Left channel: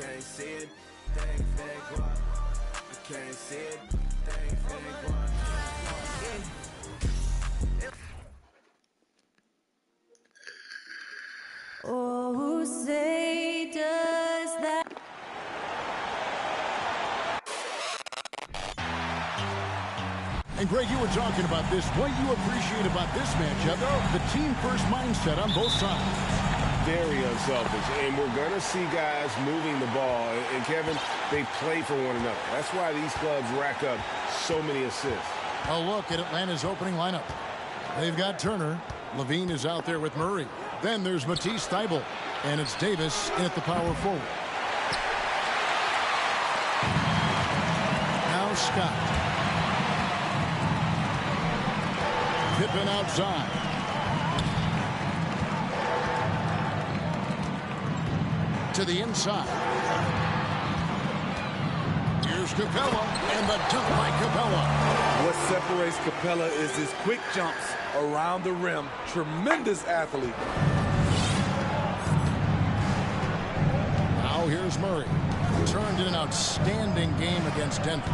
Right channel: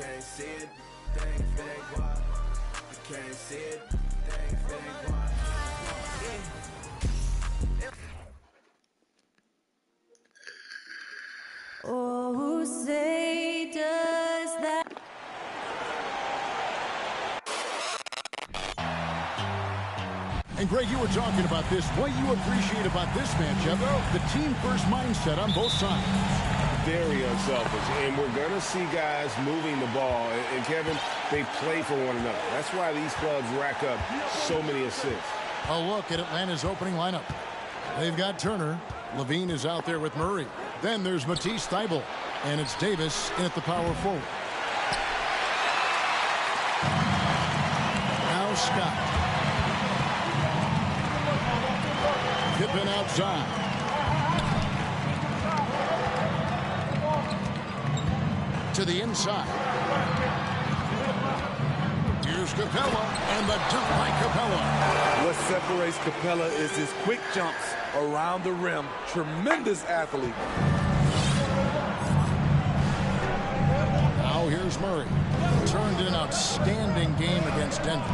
can't see it, thing fake what? I can't see it, thing fake what? Oh, who say does that? And Greg, you were talking about this. What you appreciate about this matchup, the team-first mindset on both sides. Very unselfish, and we're going to see guys moving the ball. And, Kevin, they play for one another. That's why these clubs rack up so many assists. A look at Atlanta's opening lineup. They've got Turner. Levine is out there with Murray. Then there's Matisse Thybulle, and it's Davis in at the power forward. Now Scott. Pippen outside. To the inside. Here's Capella, and the dunk by Capella. What separates Capella is his quick jumps around the rim. Tremendous athlete. Now here's Murray. Turned in an outstanding game against Denver.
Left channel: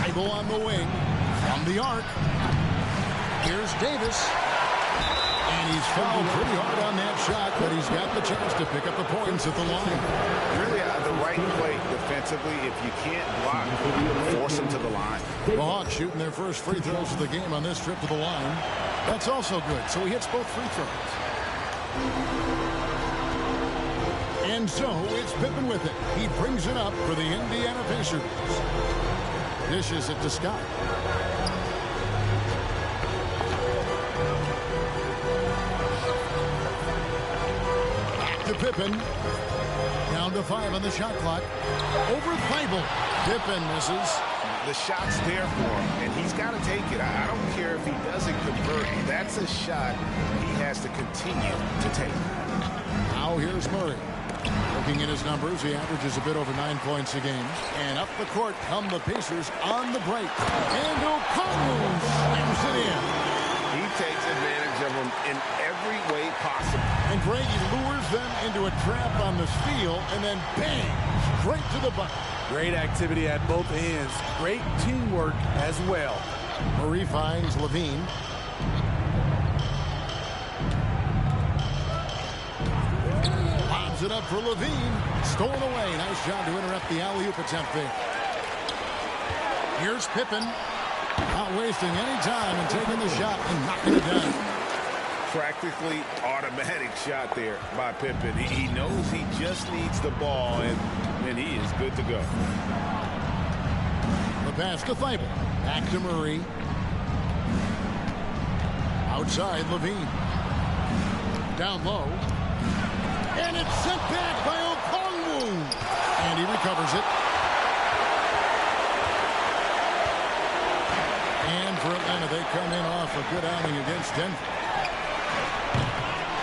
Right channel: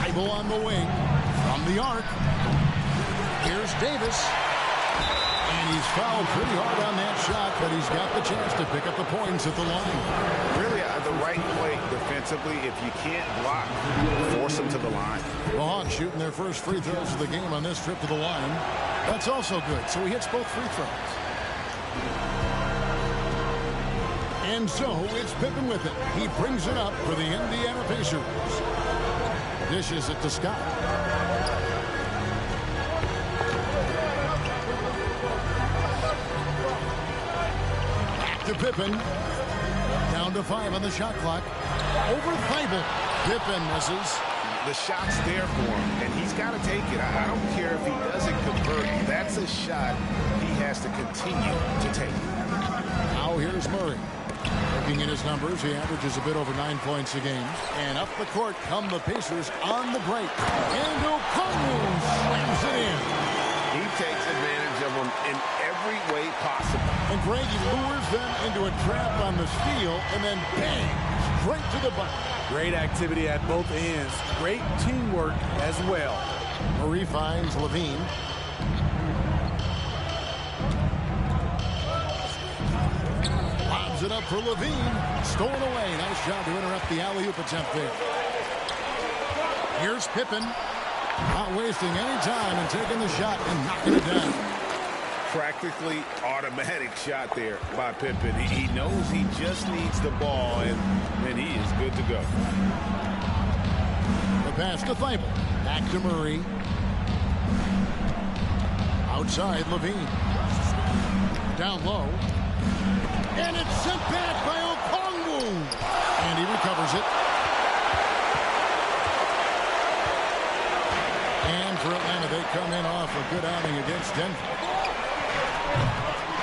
Thybulle on the wing. From the arc. Here's Davis. And he's fouled pretty hard on that shot, but he's got the chance to pick up the points at the line. Really, the right play defensively. If you can't block, force them to the line. The Hawks shooting their first free throws of the game on this trip to the line. That's also good, so he hits both free throws. And so it's Pippen with it. He brings it up for the Indiana Pacers. Dishes it to Scott. To Pippen. Down to 5 on the shot clock. Over Thybulle. Pippen misses. The shot's there for him, and he's got to take it. I don't care if he doesn't convert. That's a shot he has to continue to take. Now here's Murray. Looking at his numbers, he averages a bit over 9 points a game. And up the court come the Pacers on the break. And Okongwu slams it in. He takes advantage of them in every way possible. And Greg, he lures them into a trap on the steal, and then bang, straight to the bucket. Great activity at both ends. Great teamwork as well. Murray finds Levine. Lobs it up for Levine. Stolen away. Nice job to interrupt the alley-oop attempt there. Here's Pippen. Not wasting any time and taking the shot and knocking it down. Practically automatic shot there by Pippen. He knows he just needs the ball, and then he is good to go. The pass to Thybulle. Back to Murray. Outside Levine. Down low. And it's sent back by Okongwu. And he recovers it. And for Atlanta, they come in off a good outing against Denver.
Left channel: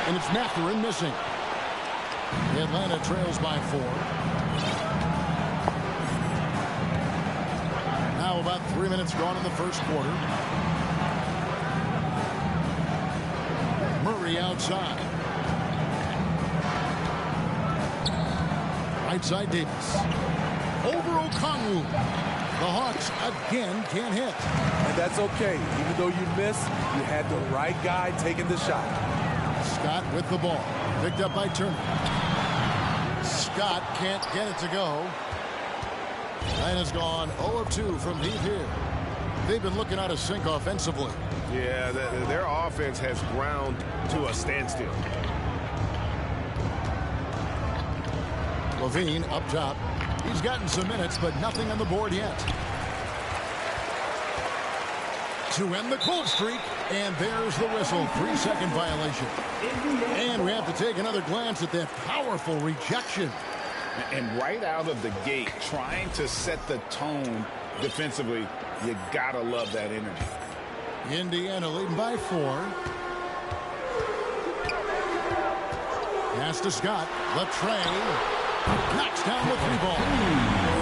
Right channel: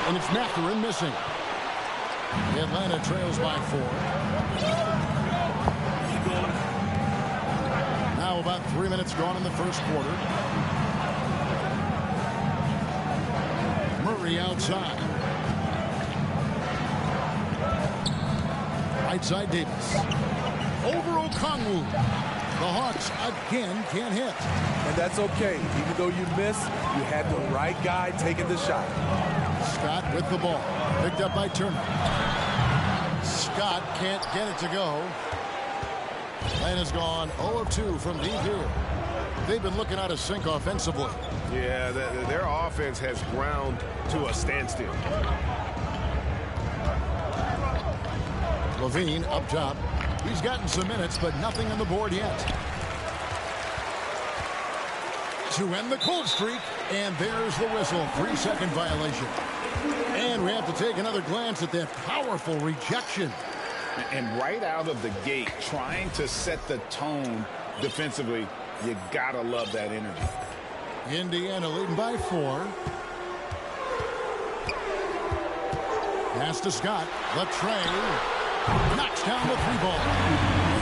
And it's Mathurin missing. Atlanta trails by 4. Now about 3 minutes gone in the first quarter. Murray outside. Right side Davis. Over Okongwu. The Hawks again can't hit. And that's okay. Even though you miss, you had the right guy taking the shot. Scott with the ball. Picked up by Turner. Scott can't get it to go. Atlanta's gone 0 of 2 from deep here. They've been looking out of sync offensively. Yeah, their offense has ground to a standstill. Levine up top. He's gotten some minutes, but nothing on the board yet. To end the cold streak, and there's the whistle. 3-second violation. And we have to take another glance at that powerful rejection. And right out of the gate, trying to set the tone defensively, you gotta love that energy. Indiana leading by 4. Pass to Scott. Latre knocks down the 3 ball.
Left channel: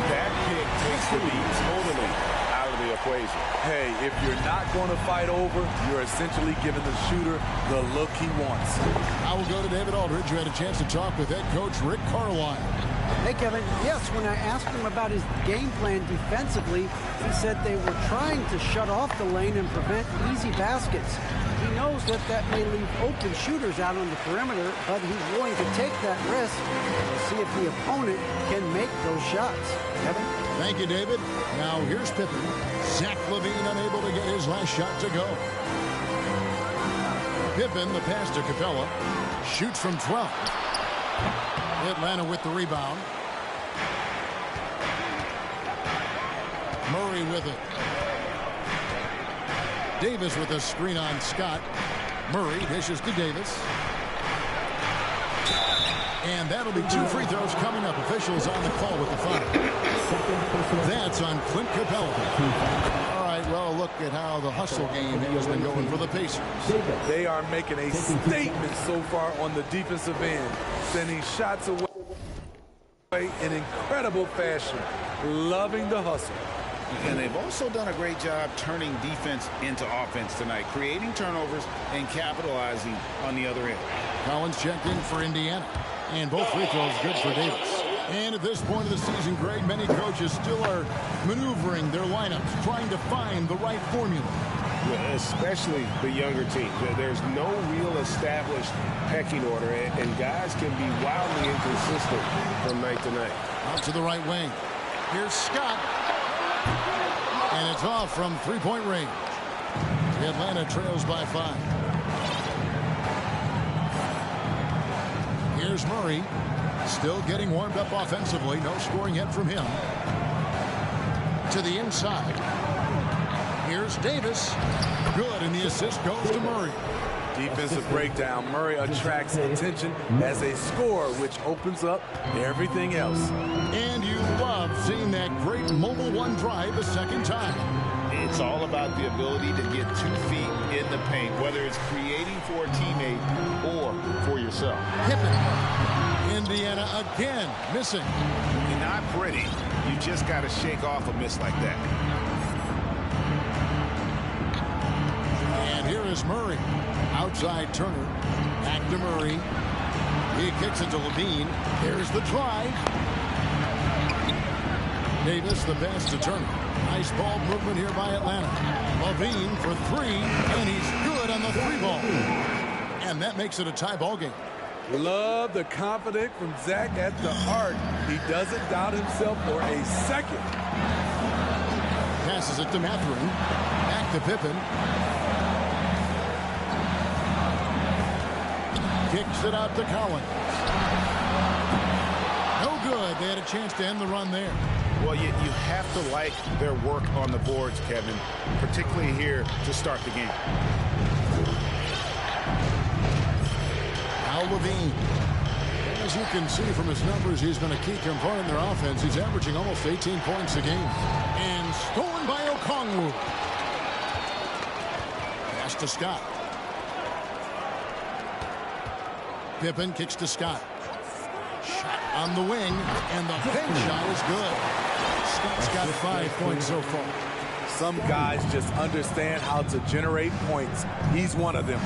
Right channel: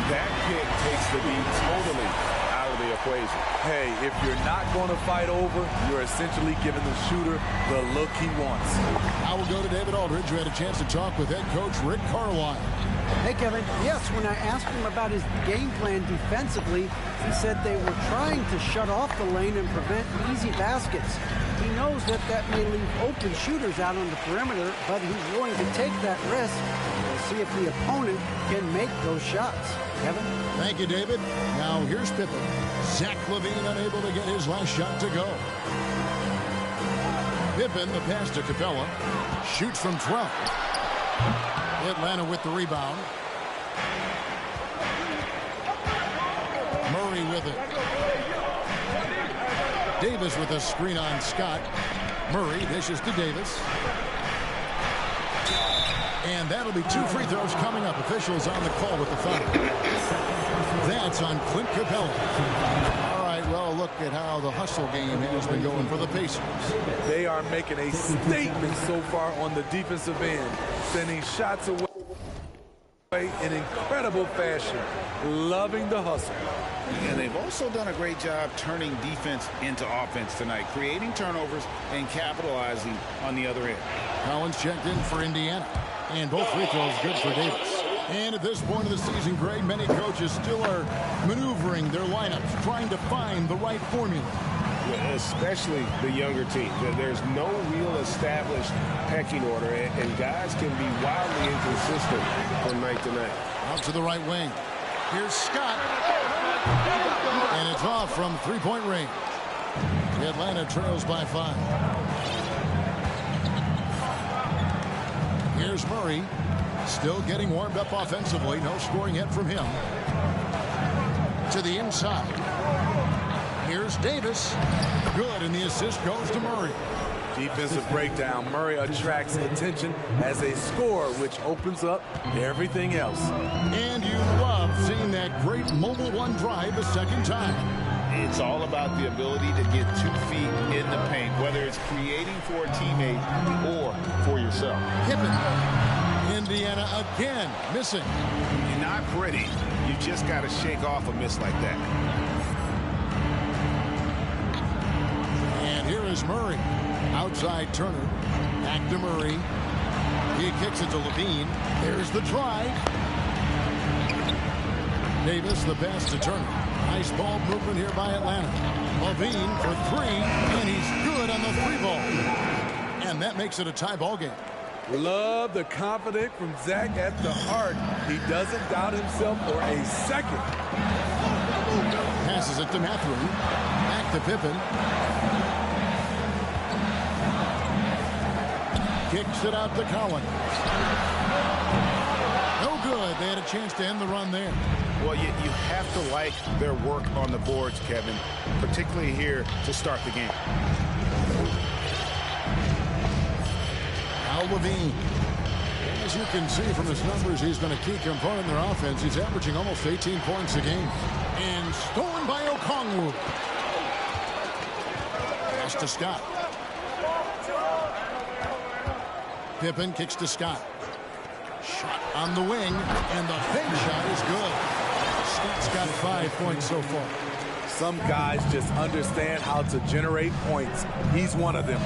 That pick takes the beat totally out of the equation. Hey, if you're not going to fight over, you're essentially giving the shooter the look he wants. I will go to David Aldridge, who had a chance to talk with head coach Rick Carlisle. Hey, Kevin. Yes, when I asked him about his game plan defensively, he said they were trying to shut off the lane and prevent easy baskets. He knows that may leave open shooters out on the perimeter, but he's willing to take that risk to see if the opponent can make those shots. Kevin? Thank you, David. Now here's Pippen. Zach LaVine unable to get his last shot to go. Pippen, the pass to Capella. Shoots from 12. Atlanta with the rebound. Murray with it. Davis with a screen on Scott. Murray dishes to Davis. And that'll be 2 free throws coming up. Officials on the call with the foul. That's on Clint Capella. All right, well, look at how the hustle game has been going for the Pacers. They are making a statement so far on the defensive end, sending shots away in incredible fashion. Loving the hustle. And they've also done a great job turning defense into offense tonight, creating turnovers and capitalizing on the other end. Collins checked in for Indiana. And both free throws good for Davis. And at this point of the season, Greg, many coaches still are maneuvering their lineups, trying to find the right formula. Yeah, especially the younger teams. There's no real established pecking order, and guys can be wildly inconsistent from night to night. Out to the right wing. Here's Scott. And it's off from three-point range. Atlanta trails by 5. Here's Murray. Still getting warmed up offensively. No scoring yet from him. To the inside. Here's Davis. Good, and the assist goes to Murray. Defensive breakdown. Murray attracts attention as a scorer, which opens up everything else. And you love seeing that great mobile one drive a second time. It's all about the ability to get 2 feet in the paint, whether it's creating for a teammate or for yourself. Pippen. Indiana again missing. You're not pretty. You just got to shake off a miss like that. And here is Murray. Outside Turner. Back to Murray. He kicks it to LaVine. There's the drive. Davis the pass to Turner. Nice ball movement here by Atlanta. LaVine for 3, and he's good on the 3-ball. And that makes it a tie ball game. Love the confidence from Zach at the arc. He doesn't doubt himself for a second. Passes it to Mathurin. Back to Pippen. Kicks it out to Collins. No good. They had a chance to end the run there. Well, you have to like their work on the boards, Kevin, particularly here to start the game. Al LaVine. As you can see from his numbers, he's been a key component in their offense. He's averaging almost 18 points a game. And stolen by Okongwu. Pass to Scott. Pippen kicks to Scott. Shot on the wing, and the bank shot is good. Scott's got 5 points so far. Some guys just understand how to generate points. He's one of them.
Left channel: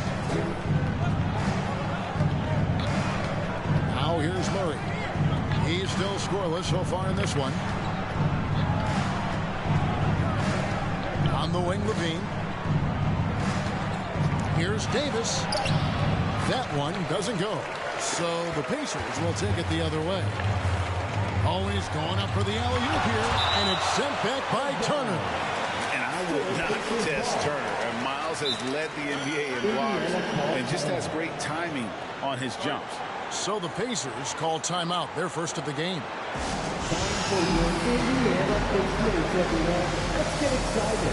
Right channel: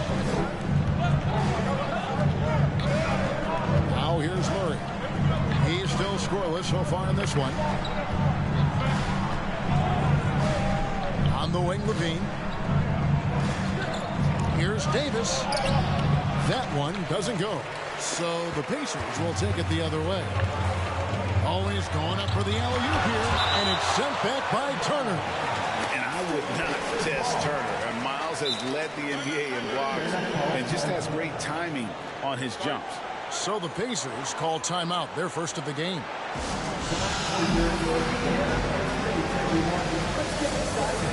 Now here's Murray. He's still scoreless so far in this one. On the wing, LaVine. Here's Davis. That one doesn't go. So the Pacers will take it the other way. Always going up for the alley-oop here, and it's sent back by Turner. And I would not test Turner. And Miles has led the NBA in blocks and just has great timing on his jumps. So the Pacers call timeout, their first of the game. Let's get excited.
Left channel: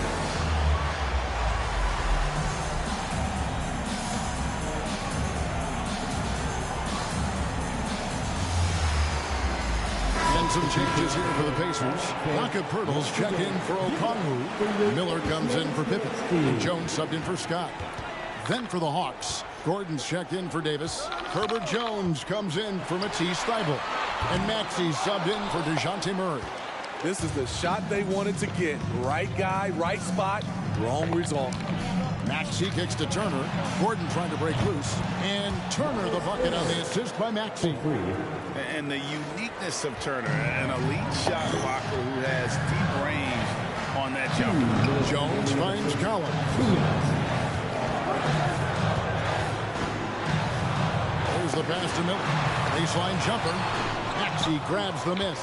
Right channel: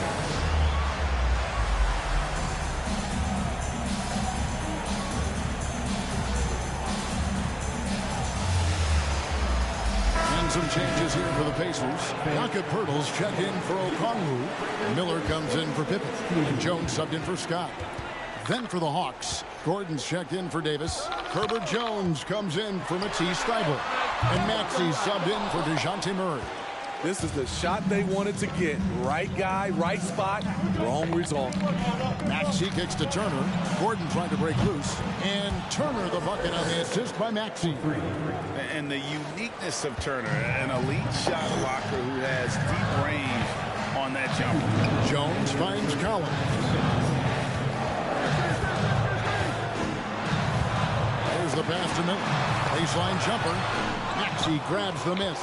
And some changes here for the Pacers. Jakob Poeltl's checked in for Okongwu. Miller comes in for Pippen. And Jones subbed in for Scott. Then for the Hawks, Gordon's checked in for Davis. Herbert Jones comes in for Matisse Thybulle. And Maxey subbed in for DeJounte Murray. This is the shot they wanted to get. Right guy, right spot, wrong result. Maxey kicks to Turner. Gordon trying to break loose. And Turner the bucket on the assist by Maxey. And the uniqueness of Turner, an elite shot blocker who has deep range on that jumper. Jones finds Collins. There's the pass to Miller. Baseline jumper. Maxey grabs the miss.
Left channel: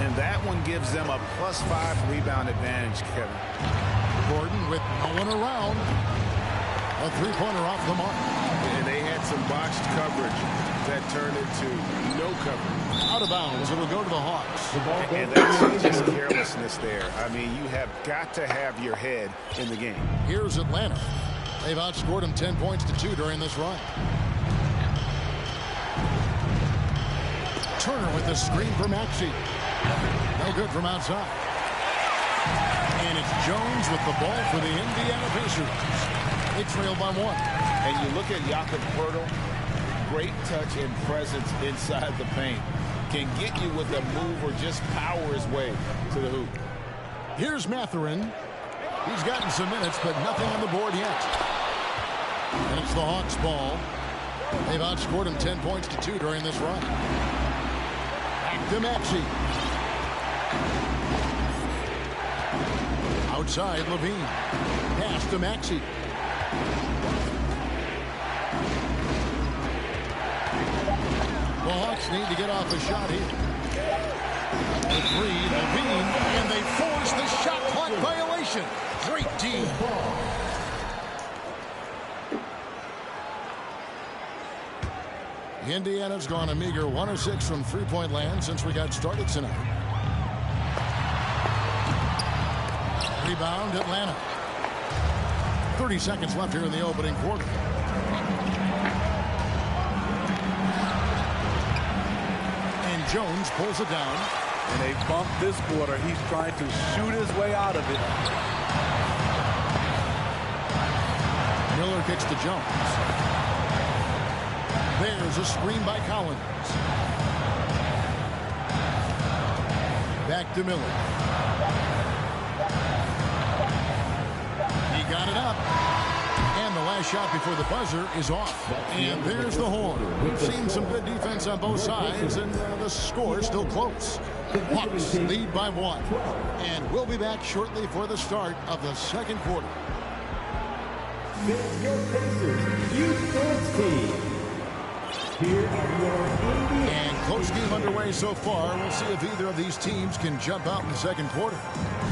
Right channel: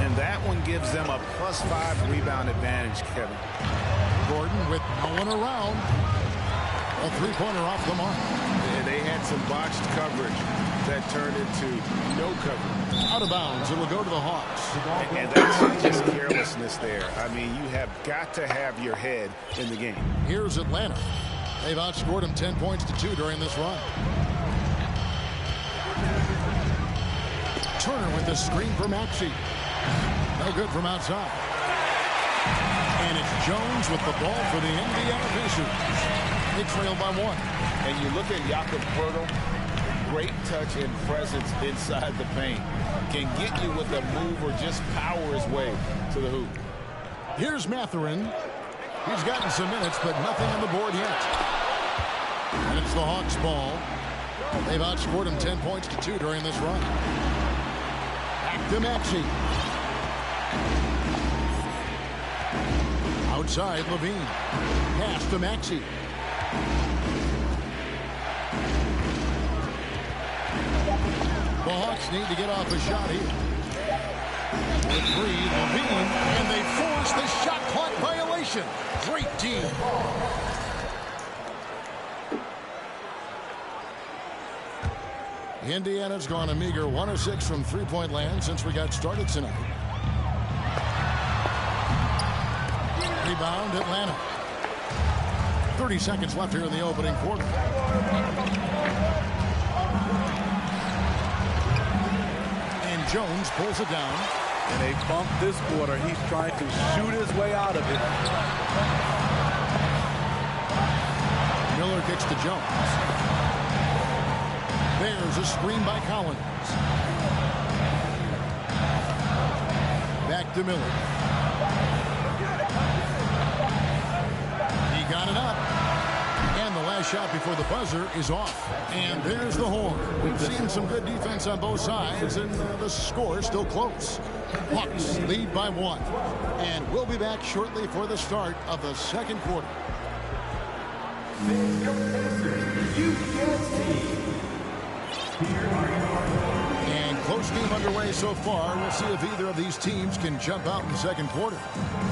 And that one gives them a +5 rebound advantage, Kevin. Gordon with no one around. A three-pointer off the mark. And they had some botched coverage that turned into no coverage. Out of bounds. It'll go to the Hawks. And that's just carelessness there. I mean, you have got to have your head in the game. Here's Atlanta. They've outscored them 10 points to 2 during this run. Turner with the screen for Maxey. No good from outside. And it's Jones with the ball for the Indiana Pacers. They trail by 1. And you look at Jakob Poeltl, great touch and presence inside the paint. Can get you with a move or just power his way to the hoop. Here's Mathurin. He's gotten some minutes, but nothing on the board yet. And it's the Hawks' ball. They've outscored him 10 points to 2 during this run. Back to Maxey. Outside, Levine. Pass to Maxey. The Hawks need to get off a shot here. The three, Levine, and they force the shot clock violation. Great team. Indiana's gone a meager 1 of 6 from three-point land since we got started tonight. Rebound, Atlanta. 30 seconds left here in the opening quarter. And Jones pulls it down. And they bumped this quarter. He's trying to shoot his way out of it. Miller kicks to Jones. There's a screen by Collins. Back to Miller. He got it up. And the last shot before the buzzer is off. And there's the horn. We've seen some good defense on both sides, and the score is still close. Hawks lead by 1. And we'll be back shortly for the start of the second quarter. This is your Pacers Youth Dance Team. Here are your And close game underway so far. We'll see if either of these teams can jump out in the second quarter.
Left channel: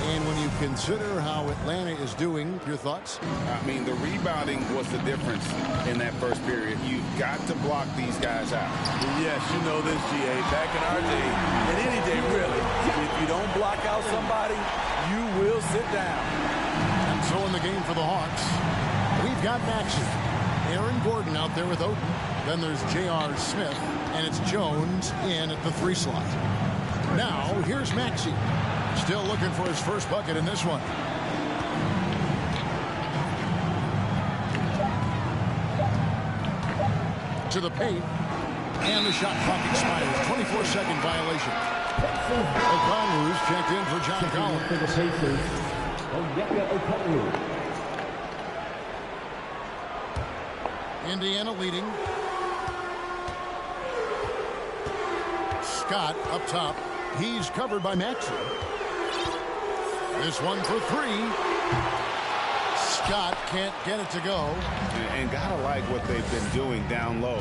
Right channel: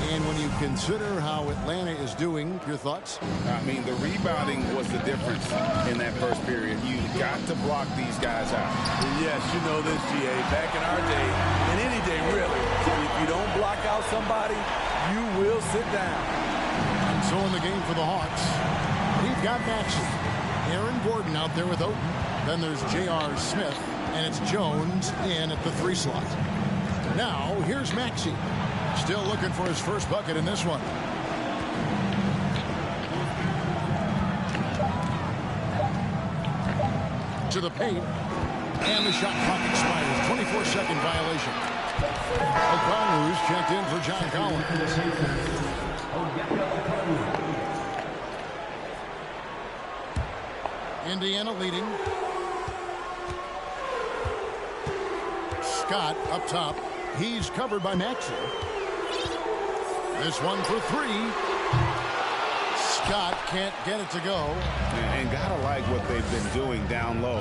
And when you consider how Atlanta is doing, your thoughts? I mean, the rebounding was the difference in that first period. You've got to block these guys out. Yes, you know this, GA. Back in our day, and any day really, if you don't block out somebody, you will sit down. And so in the game for the Hawks, we've got Maxey. Aaron Gordon out there with Oden. Then there's J.R. Smith, and it's Jones in at the 3 slot. Now, here's Maxey. Still looking for his first bucket in this one. To the paint. And the shot clock expires. 24-second violation. O'Connor's checked in for John Collins. Indiana leading. Scott up top. He's covered by Maxey. This one for 3. Scott can't get it to go. And gotta like what they've been doing down low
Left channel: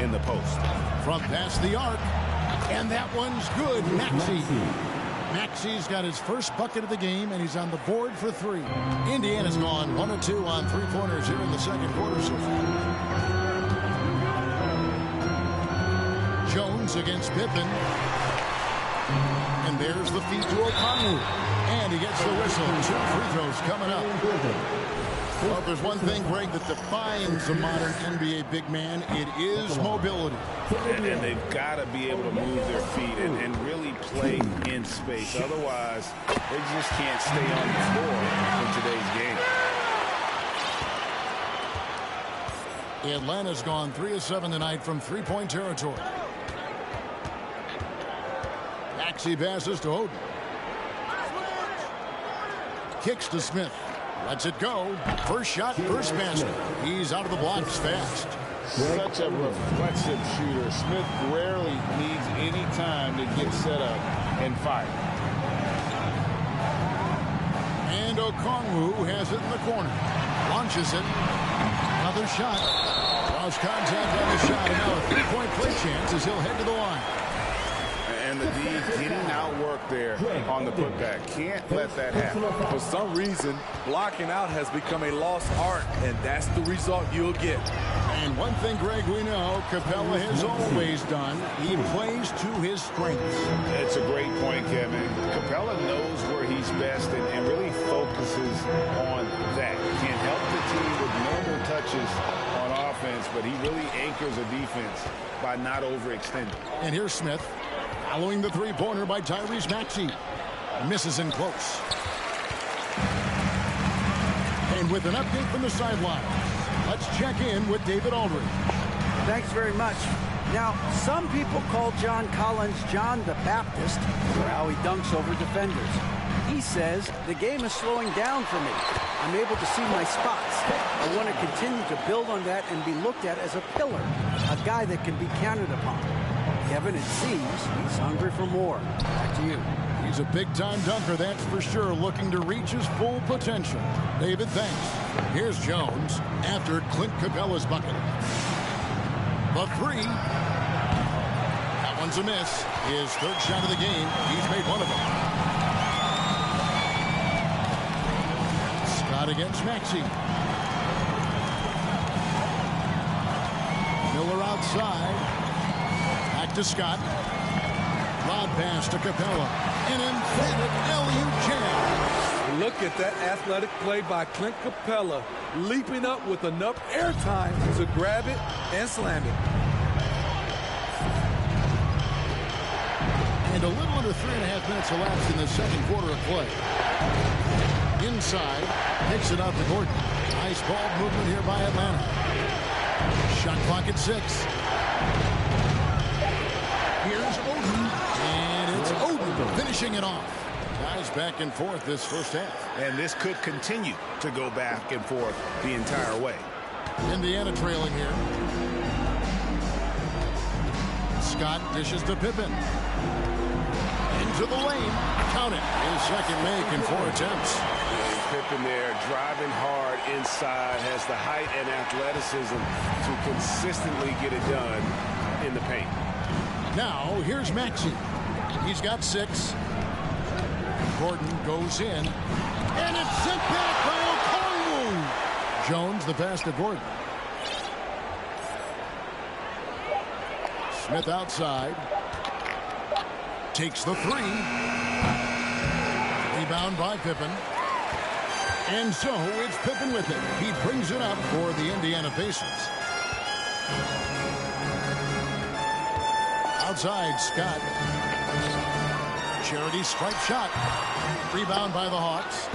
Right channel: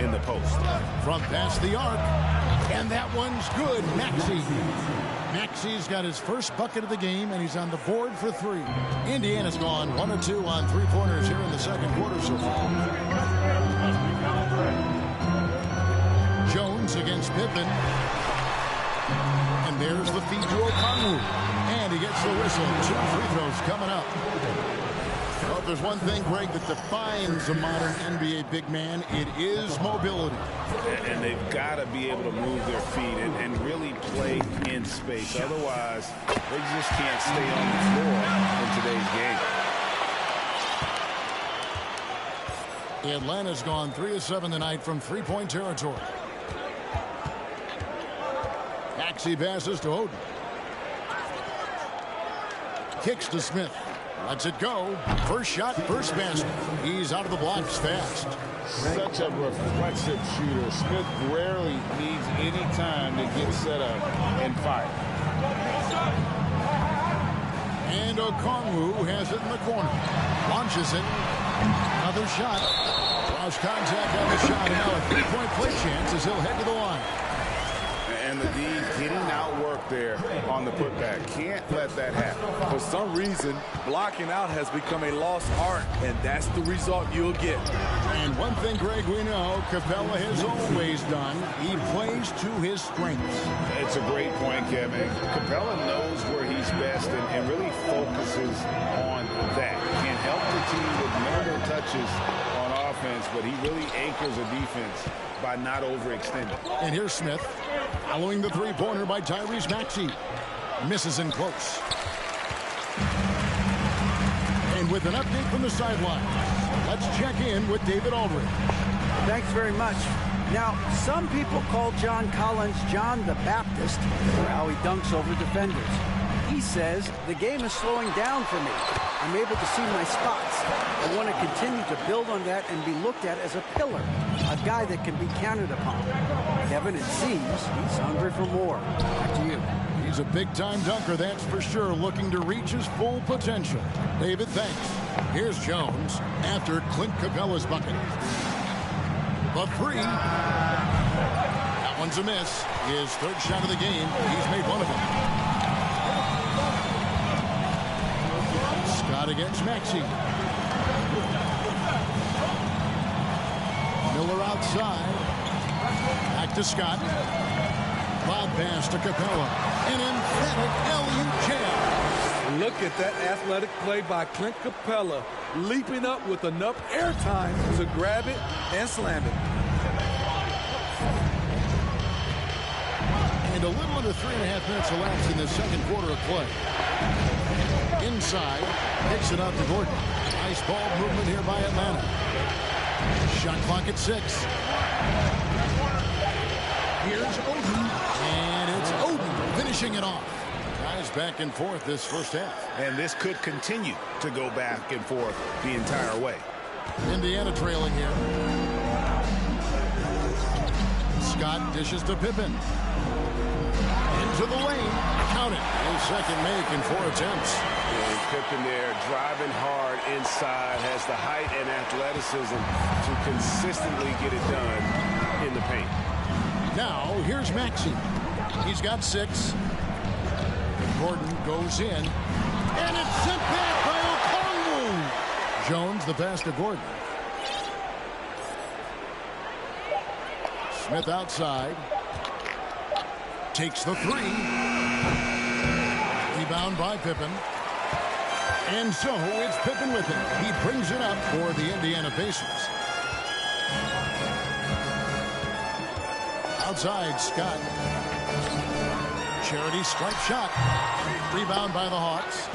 in the post. From past the arc. And that one's good. Maxey. Maxey's got his first bucket of the game, and he's on the board for 3. Indiana's gone 1 of 2 on 3-pointers here in the second quarter so far. Jones against Pippen. And there's the feed to O'Connell. And he gets the whistle. 2 free throws coming up. Well, if there's one thing, Greg, that defines a modern NBA big man, it is mobility. And they've got to be able to move their feet and really play in space. Otherwise, they just can't stay on the floor in today's game. Atlanta's gone 3 of 7 tonight from 3-point territory. Maxey passes to Oden. kicks to Smith. Lets it go. First shot, first basket. He's out of the blocks fast. Such a reflexive shooter. Smith rarely needs any time to get set up and fire. And Okongwu has it in the corner. Launches it. Another shot. Draws contact on the shot. And now a three-point play chance as he'll head to the line. And the D getting outworked there on the putback. Can't let that happen. For some reason, blocking out has become a lost art, and that's the result you'll get. And one thing, Greg, we know Capella has always done. He plays to his strengths. It's a great point, Kevin. Capella knows where he's best and really focuses on that. Can't help the team with minimal touches on offense, but he really anchors a defense by not overextending. And here's Smith. Following the three-pointer by Tyrese Maxey. Misses in close. And with an update from the sidelines, let's check in with David Aldridge. Thanks very much. Now, some people call John Collins John the Baptist for how he dunks over defenders. He says, the game is slowing down for me. I'm able to see my spots. I want to continue to build on that and be looked at as a pillar, a guy that can be counted upon. Kevin, it seems he's hungry for more. Back to you. He's a big-time dunker, that's for sure, looking to reach his full potential. David, thanks. Here's Jones after Clint Capella's bucket. The three. That one's a miss. His third shot of the game. He's made one of them. Scott against Maxey. Miller outside. Back to Scott. Lob pass to Capella. An emphatic LU jam. Look at that athletic play by Clint Capella, leaping up with enough airtime to grab it and slam it. And a little under 3.5 minutes elapsed in the second quarter of play. Inside, kicks it out to Gordon. Nice ball movement here by Atlanta. Shot clock at 6. Here's Oden, and it's Oden finishing it off. Guys back and forth this first half. And this could continue to go back and forth the entire way. Indiana trailing here. Scott dishes to Pippen. Into the lane. Count it. His second make in 4 attempts. And Pippen there driving hard inside, has the height and athleticism to consistently get it done in the paint. Now, here's Maxey. He's got 6. Gordon goes in. And it's sent back by Okongwu. Jones, the pass to Gordon. Smith outside. Takes the 3. Rebound by Pippen. And so it's Pippen with it. He brings it up for the Indiana Pacers. Outside, Scott. Charity stripe shot. Rebound by the Hawks.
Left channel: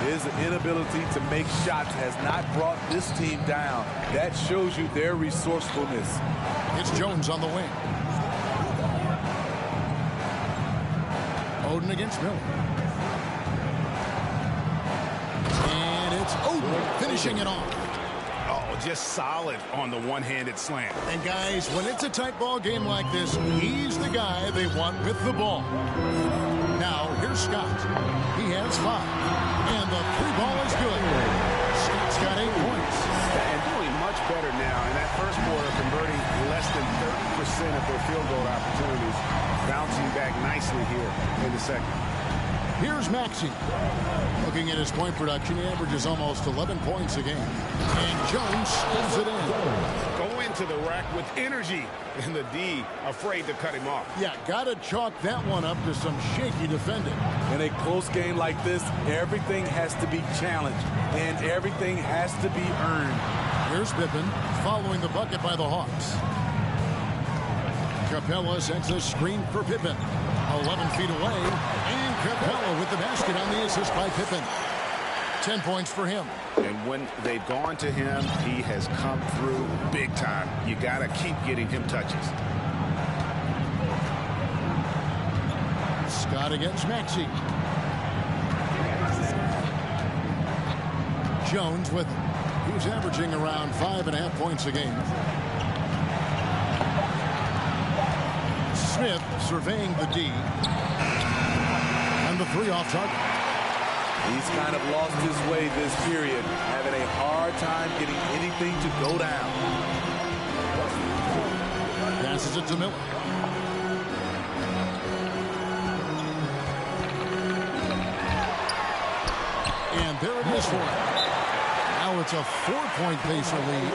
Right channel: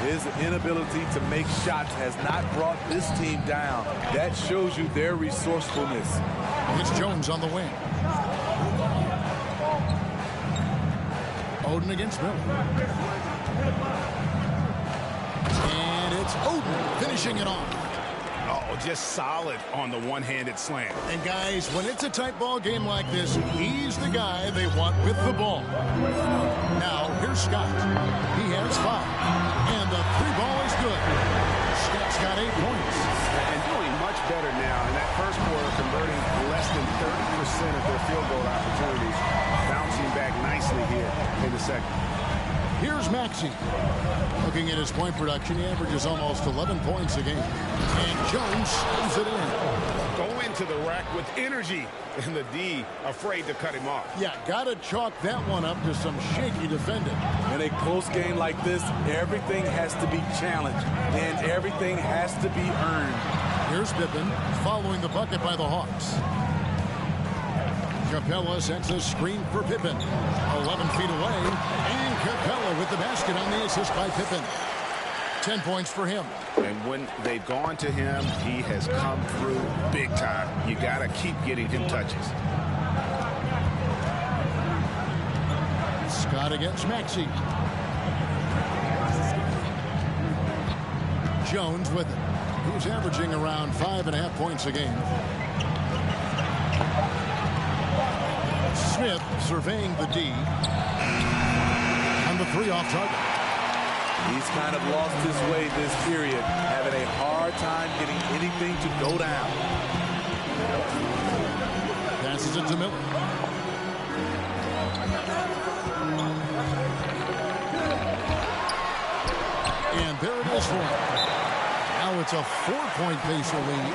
His inability to make shots has not brought this team down. That shows you their resourcefulness. It's Jones on the wing. Oden against Miller. And it's Oden finishing it off. Oh, just solid on the one-handed slam. And guys, when it's a tight ball game like this, he's the guy they want with the ball. Now, here's Scott. He has 5. And the 3 ball is good. Scott's got 8 points. And doing much better now. In that first quarter, converting less than 30% of their field goal opportunities. Bouncing back nicely here in the second. Here's Maxey. Looking at his point production, he averages almost 11 points a game. And Jones spins it in. Go into the rack with energy. And the D afraid to cut him off. Yeah, got to chalk that one up to some shaky defending. In a close game like this, everything has to be challenged. And everything has to be earned. Here's Pippen following the bucket by the Hawks. Capella sends a screen for Pippen. 11 feet away. And Capella with the basket on the assist by Pippen. 10 points for him. And when they've gone to him, he has come through big time. You got to keep getting him touches. Scott against Maxey. Jones with it. He's averaging around 5.5 points a game. Smith surveying the D. And the 3 off target. He's kind of lost his way this period, having a hard time getting anything to go down. Passes it to Miller. And there it is for him. Now it's a 4-point Pacer lead.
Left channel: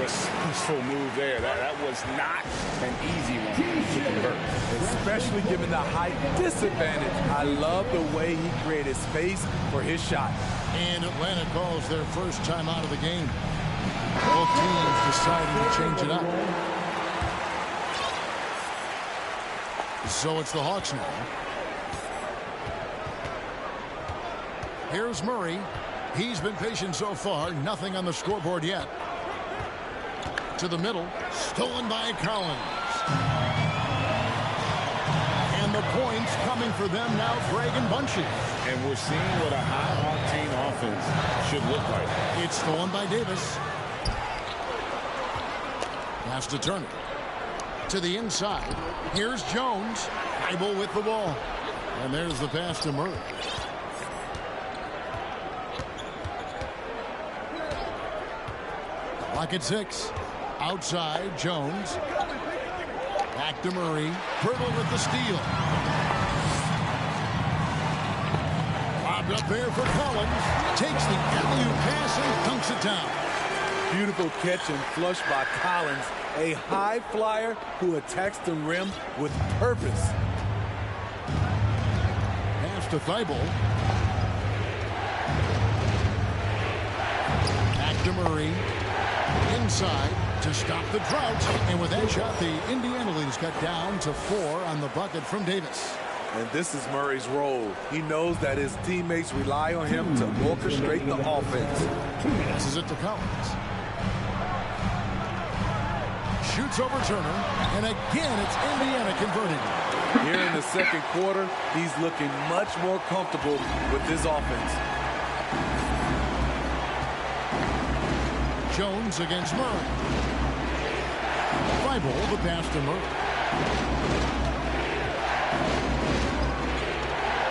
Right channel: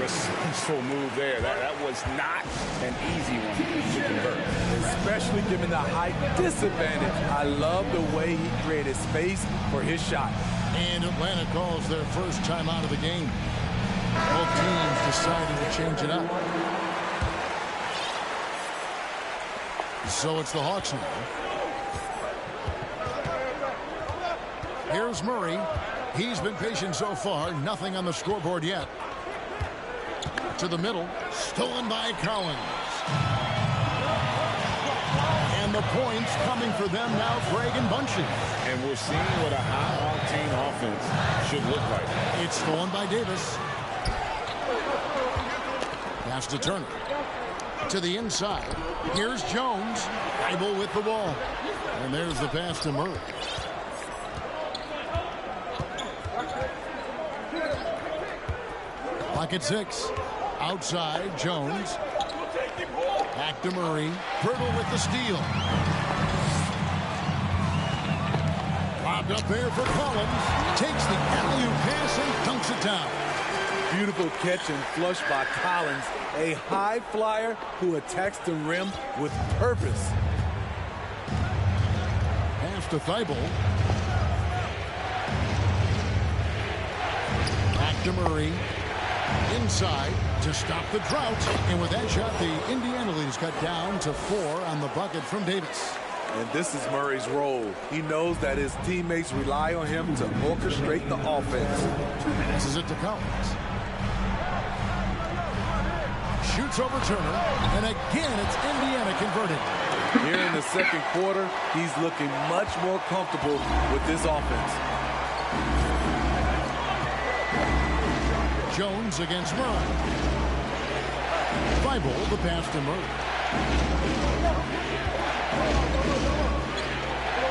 Resourceful move there. That was not an easy one to convert. Especially given the height disadvantage. I love the way he created space for his shot. And Atlanta calls their first time out of the game. Both teams deciding to change it up. So it's the Hawks now. Here's Murray. He's been patient so far. Nothing on the scoreboard yet. To the middle. Stolen by Collins. And the points coming for them now, Greg and Bunchy. And we're seeing what a high-octane offense should look like. It's stolen by Davis. Pass to Turner. To the inside. Here's Jones. Bible with the ball. And there's the pass to Murray. Clock at 6. Outside, Jones. Back to Murray. Pirtle with the steal. Lobbed up there for Collins. Takes the alley-oop pass and dunks it down. Beautiful catch and flush by Collins. A high flyer who attacks the rim with purpose. Pass to Thibault. Back to Murray. Inside to stop the drought. And with that shot, the Indiana lead is cut down to 4 on the bucket from Davis. And this is Murray's role. He knows that his teammates rely on him to orchestrate the offense. Passes it to Collins. Shoots over Turner. And again, it's Indiana converting. Here in the second quarter, he's looking much more comfortable with this offense. Jones against Murray. Thibault, the pass to Murray.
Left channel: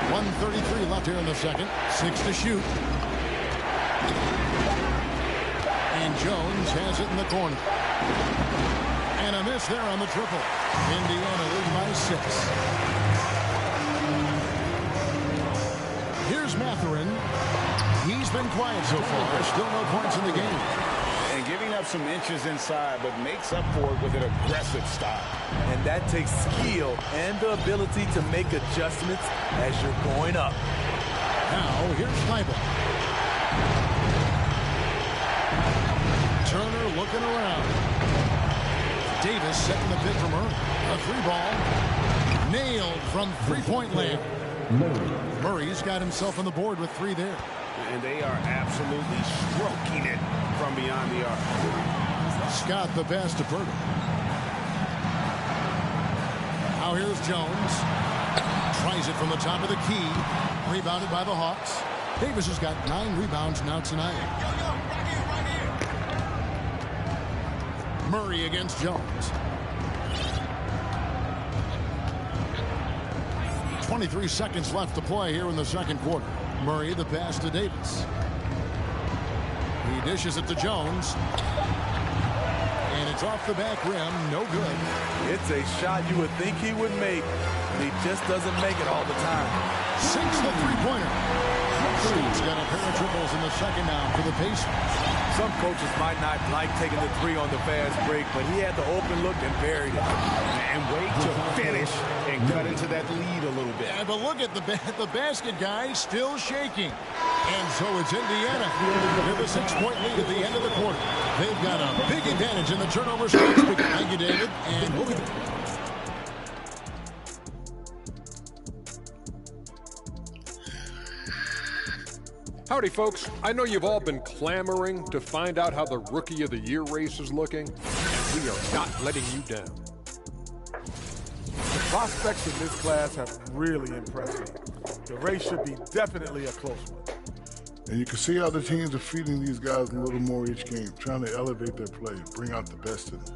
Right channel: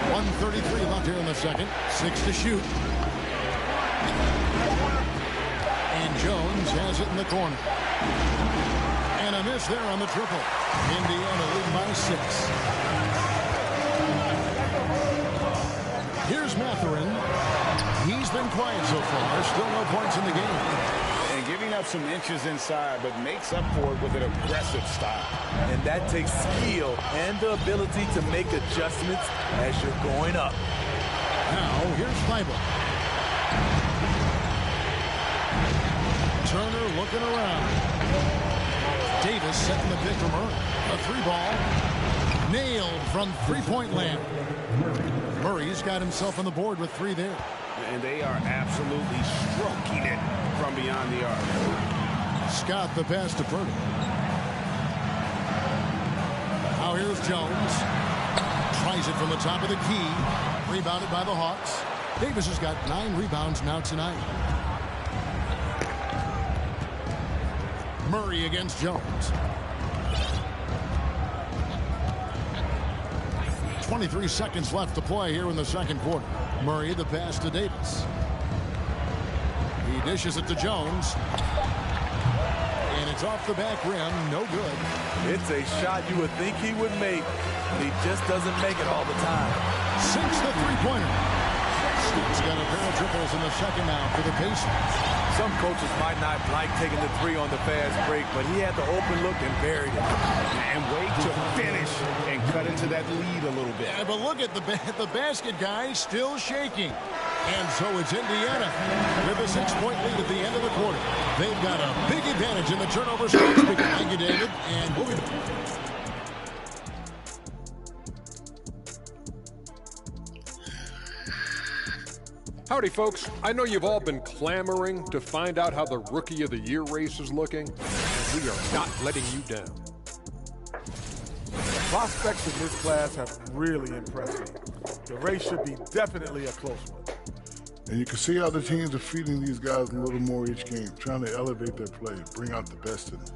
1:33 left here in the second. 6 to shoot. And Jones has it in the corner. And a miss there on the triple. Indiana leading by 6. Here's Mathurin. He's been quiet so far. Still no points in the game. And giving up some inches inside, but makes up for it with an aggressive style. And that takes skill and the ability to make adjustments as you're going up. Now, here's Thibault. Turner looking around. Davis setting the pick from Murray. A 3-ball. Nailed from three-point land. Murray's got himself on the board with 3 there. And they are absolutely stroking it from beyond the arc. Scott the pass to Pirtle. Now here's Jones. Tries it from the top of the key. Rebounded by the Hawks. Davis has got 9 rebounds now tonight. Murray against Jones. 23 seconds left to play here in the second quarter. Murray the pass to Davis. He dishes it to Jones. And it's off the back rim. No good. It's a shot you would think he would make, but he just doesn't make it all the time. Sinks the three-pointer. Scott's got a pair of triples in the second now for the Pacers. Some coaches might not like taking the 3 on the fast break, but he had the open look and buried it. And wait to finish and cut into that lead a little bit. Yeah, but look at the basket guy still shaking. And so it's Indiana with a 6-point lead at the end of the quarter. They've got a big advantage in the turnover stats. Thank you, David. And we'll be back. Howdy, folks. I know you've all been clamoring to find out how the Rookie of the Year race is looking, and we are not letting you down. The prospects in this class have really impressed me. The race should be definitely a close one. And you can see how the teams are feeding these guys a little more each game, trying to elevate their play, bring out the best in them.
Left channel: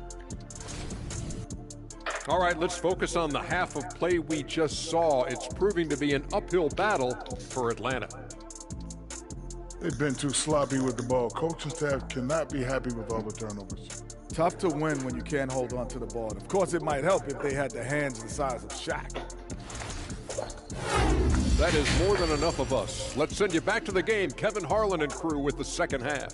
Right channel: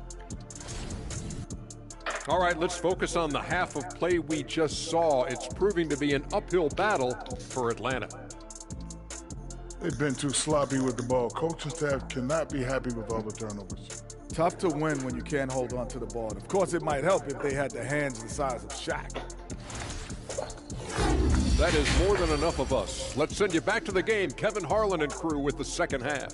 All right, let's focus on the half of play we just saw. It's proving to be an uphill battle for Atlanta. They've been too sloppy with the ball. Coaching staff cannot be happy with all the turnovers. Tough to win when you can't hold on to the ball. And of course, it might help if they had the hands the size of Shaq. That is more than enough of us. Let's send you back to the game. Kevin Harlan and crew with the second half.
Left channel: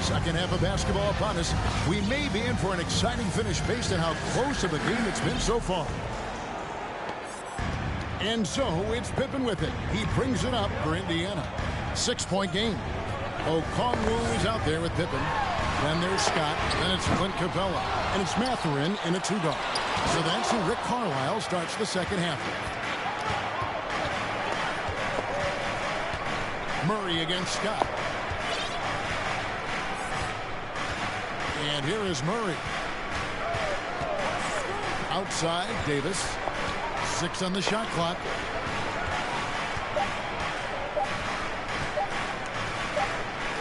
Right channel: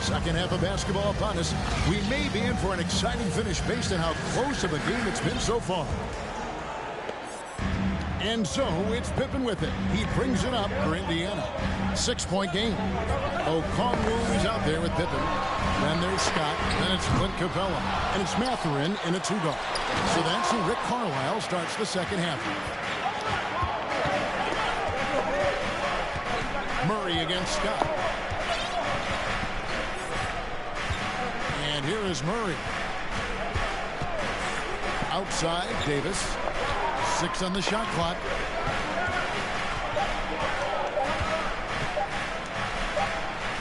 Second half of basketball upon us. We may be in for an exciting finish based on how close of a game it's been so far. And so it's Pippen with it. He brings it up for Indiana. 6-point game. Okongwu is out there with Pippen. Then there's Scott. Then it's Clint Capella. And it's Mathurin in a 2-guard. So that's who Rick Carlisle starts the second half with. Murray against Scott. And here is Murray. Outside, Davis. 6 on the shot clock.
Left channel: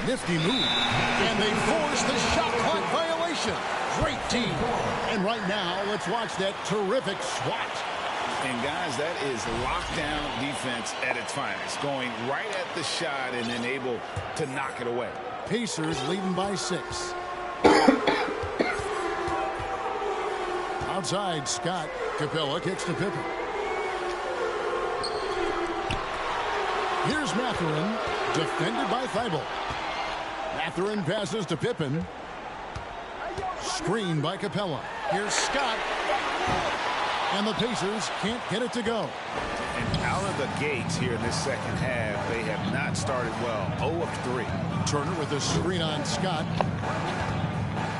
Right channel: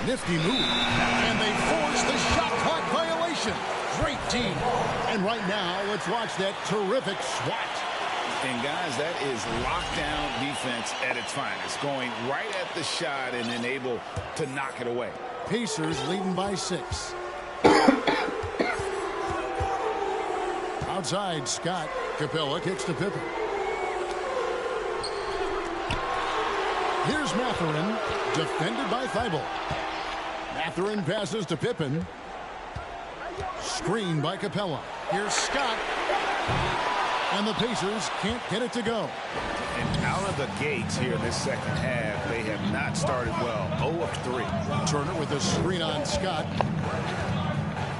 Nifty move. And they force the shot clock violation. Great team. And right now, let's watch that terrific swat. And guys, that is lockdown defense at its finest. Going right at the shot and then able to knock it away. Pacers leading by 6. Outside, Scott. Capella kicks to Pippen. Here's Mathurin, defended by Thibault. Mathurin passes to Pippen. Screen by Capella. Here's Scott. And the Pacers can't get it to go. And out of the gates here in this second half, they have not started well. 0 of 3. Turner with a screen on Scott.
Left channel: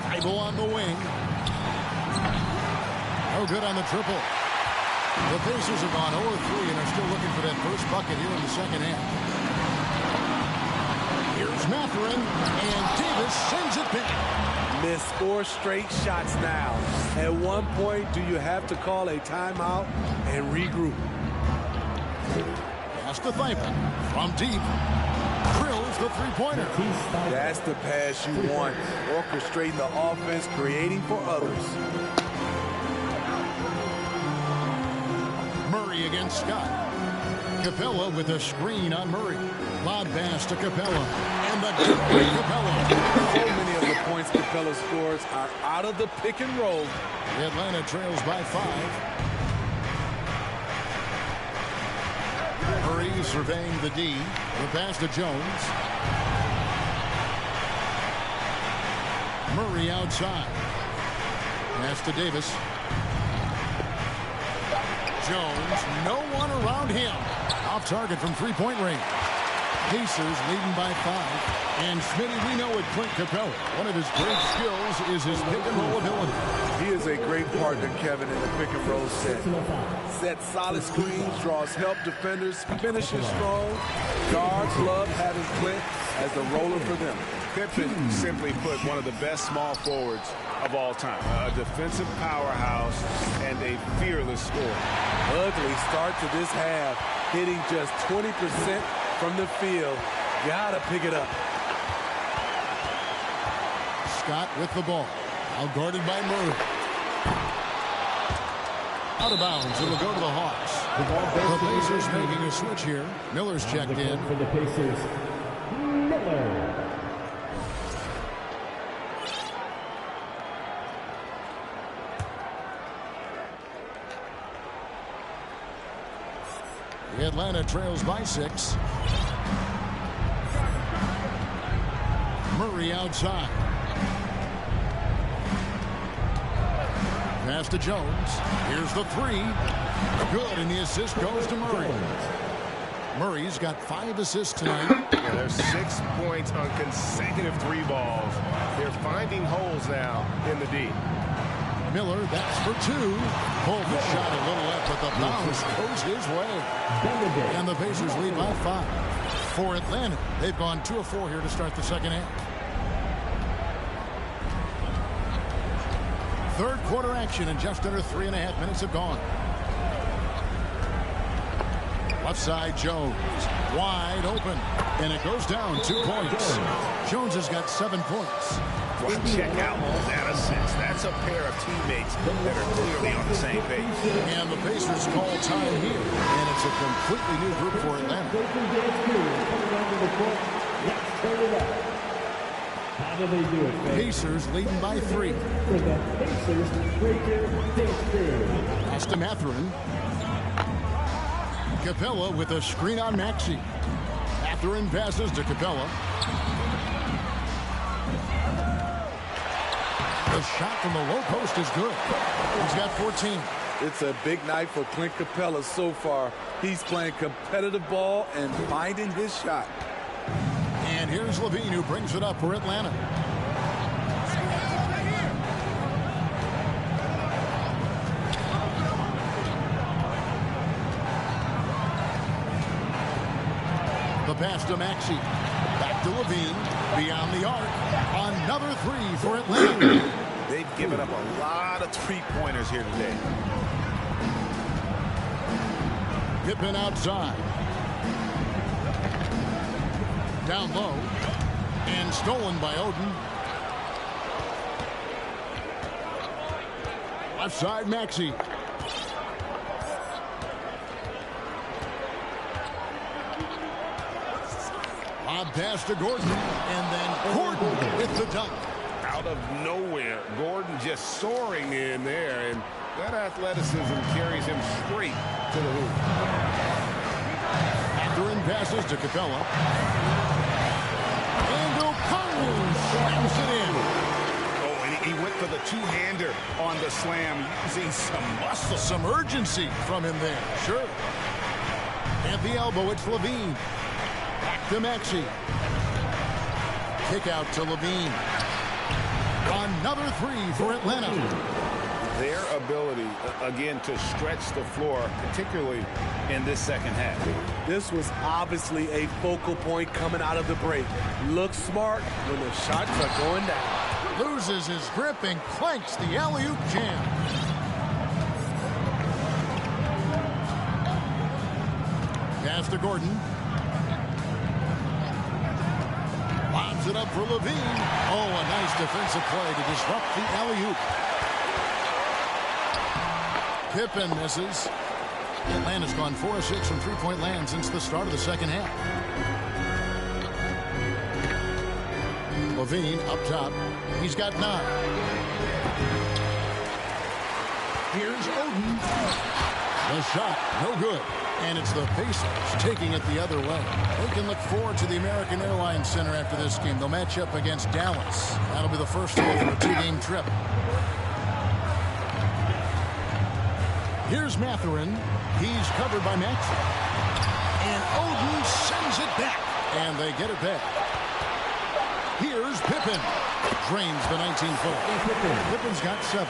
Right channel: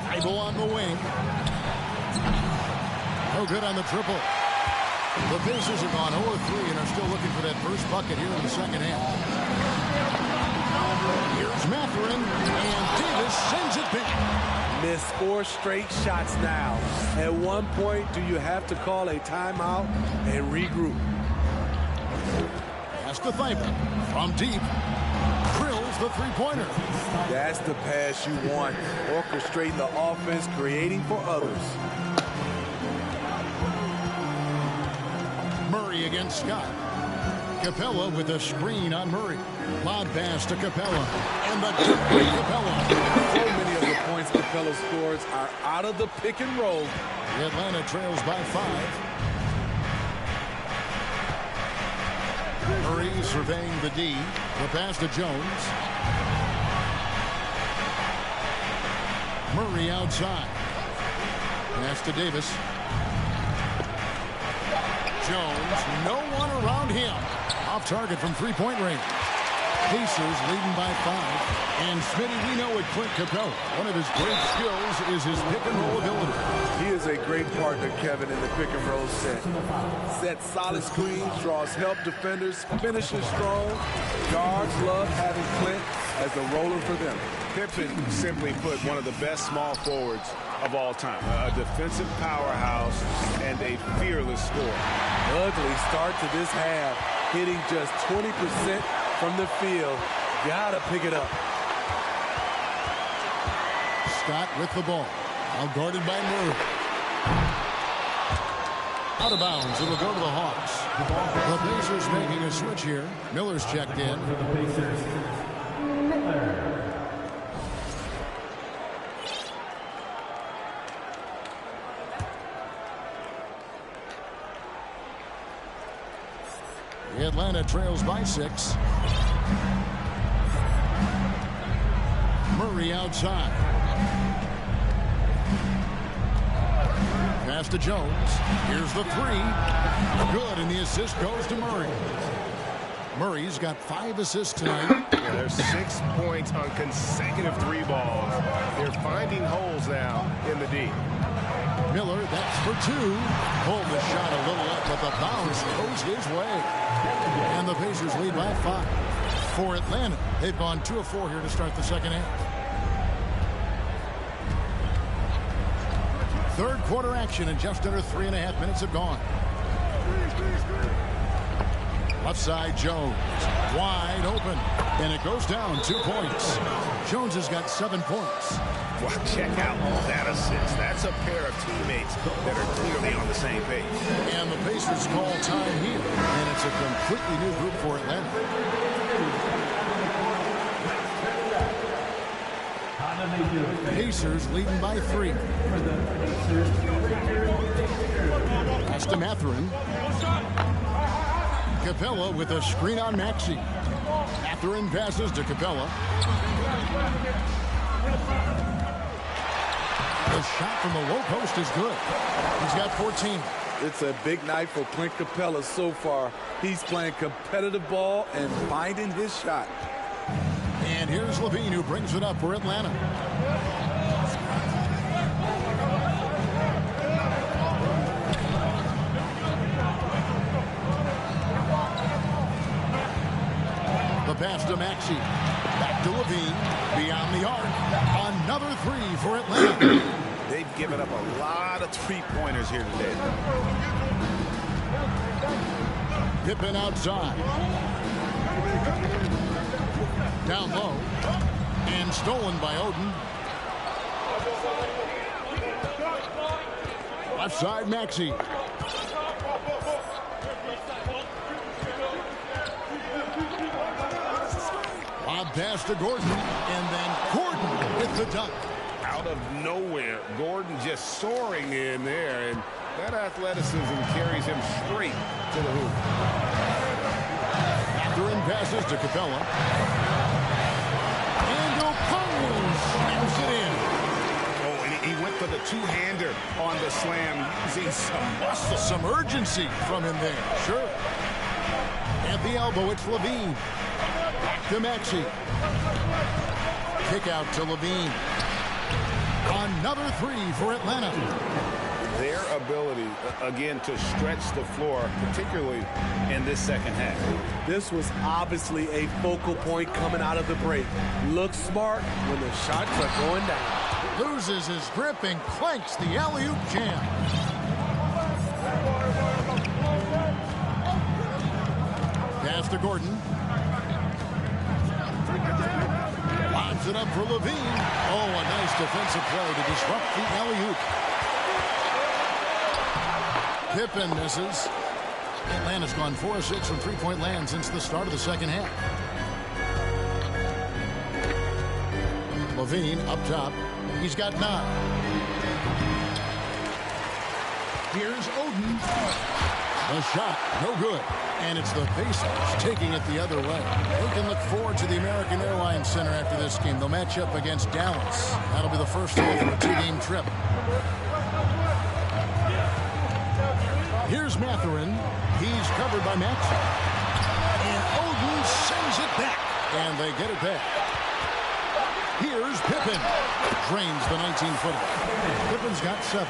Thibault on the wing. No good on the triple. The Pacers have gone 0 of 3 and are still looking for that first bucket here in the second half. Here's Mathurin, and Davis sends it back. Missed 4 straight shots now. At one point, do you have to call a timeout and regroup? Pass to Thibault. From deep. Drills the three-pointer. That's the pass you want. Orchestrating the offense, creating for others. Murray against Scott. Capella with a screen on Murray. Lob pass to Capella. And the dunk by Capella. So many of the points Capella scores are out of the pick and roll. The Atlanta trails by 5. Murray surveying the D. The pass to Jones. Murray outside. Pass to Davis. Jones, no one around him. Off target from three-point range. Pacers leading by 5. And Smitty, we know with Clint Capella, one of his great skills is his pick-and-roll ability. He is a great partner, Kevin, in the pick-and-roll set. Sets solid screens, draws help defenders, finishes strong. Guards love having Clint as the roller for them. Pippen, simply put, one of the best small forwards of all time. A defensive powerhouse and a fearless scorer. Ugly start to this half, hitting just 20% from the field. Gotta pick it up. Scott with the ball. Now guarded by Murray. Out of bounds. It'll go to the Hawks. The Pacers making a switch here. Miller's checked in. For the Pacers, Miller. The Atlanta trails by 6. Murray outside. Pass to Jones. Here's the 3. Good, and the assist goes to Murray. Murray's got 5 assists tonight. Yeah, there's 6 points on consecutive 3 balls. They're finding holes now in the D. Miller, that's for 2. Pulled the shot a little left, but the bounce goes his way. And the Pacers lead by 5. for Atlanta. They've gone 2 of 4 here to start the second half. Third quarter action, and just under 3.5 minutes have gone. Left side, Jones. Wide open. And it goes down 2 points. Jones has got 7 points. Well, check out that assist. That's a pair of teammates that are clearly on the same page. And the Pacers call time here. And it's a completely new group for Atlanta. How do they do it, fans? Pacers leading by 3. For the Pacers, Breaker Victor. Pass to Mathurin. Capella with a screen on Maxey. Mathurin passes to Capella. The shot from the low post is good. He's got 14. It's a big night for Clint Capella so far. He's playing competitive ball and finding his shot. And here's Levine, who brings it up for Atlanta. The pass to Maxey. Back to Levine. Beyond the arc. Another 3 for Atlanta. They've given up a lot of three-pointers here today. Pippen outside. Down low. And stolen by Oden. Left side, Maxey. Lob pass to Gordon. And then Gordon with the dunk. Out of nowhere, Gordon just soaring in there, and that athleticism carries him straight to the hoop. Mathurin passes to Capella. And Okongwu slams it in. Oh, and he went for the two-hander on the slam, using some muscle. Some urgency from him there, sure. At the elbow, it's Levine. Back to Maxey. Kick out to Levine. Another 3 for Atlanta. Their ability, again, to stretch the floor, particularly in this second half. This was obviously a focal point coming out of the break. Looks smart when the shots are going down. Loses his grip and clanks the alley-oop jam. Pass to Gordon. Lobs it up for Levine. Oh, a nice defensive play to disrupt the alley-oop. Pippen misses. Atlanta's gone 4 of 6 from three-point land since the start of the second half. Levine up top. He's got 9. Here's Oden. The shot, no good. And it's the Pacers taking it the other way. They can look forward to the American Airlines Center after this game. They'll match up against Dallas. That'll be the first half of a 2-game trip. Here's Mathurin. He's covered by Maxey. And Oden sends it back. And they get it back. Here's Pippen. Drains the 19-footer. Pippen's got 7.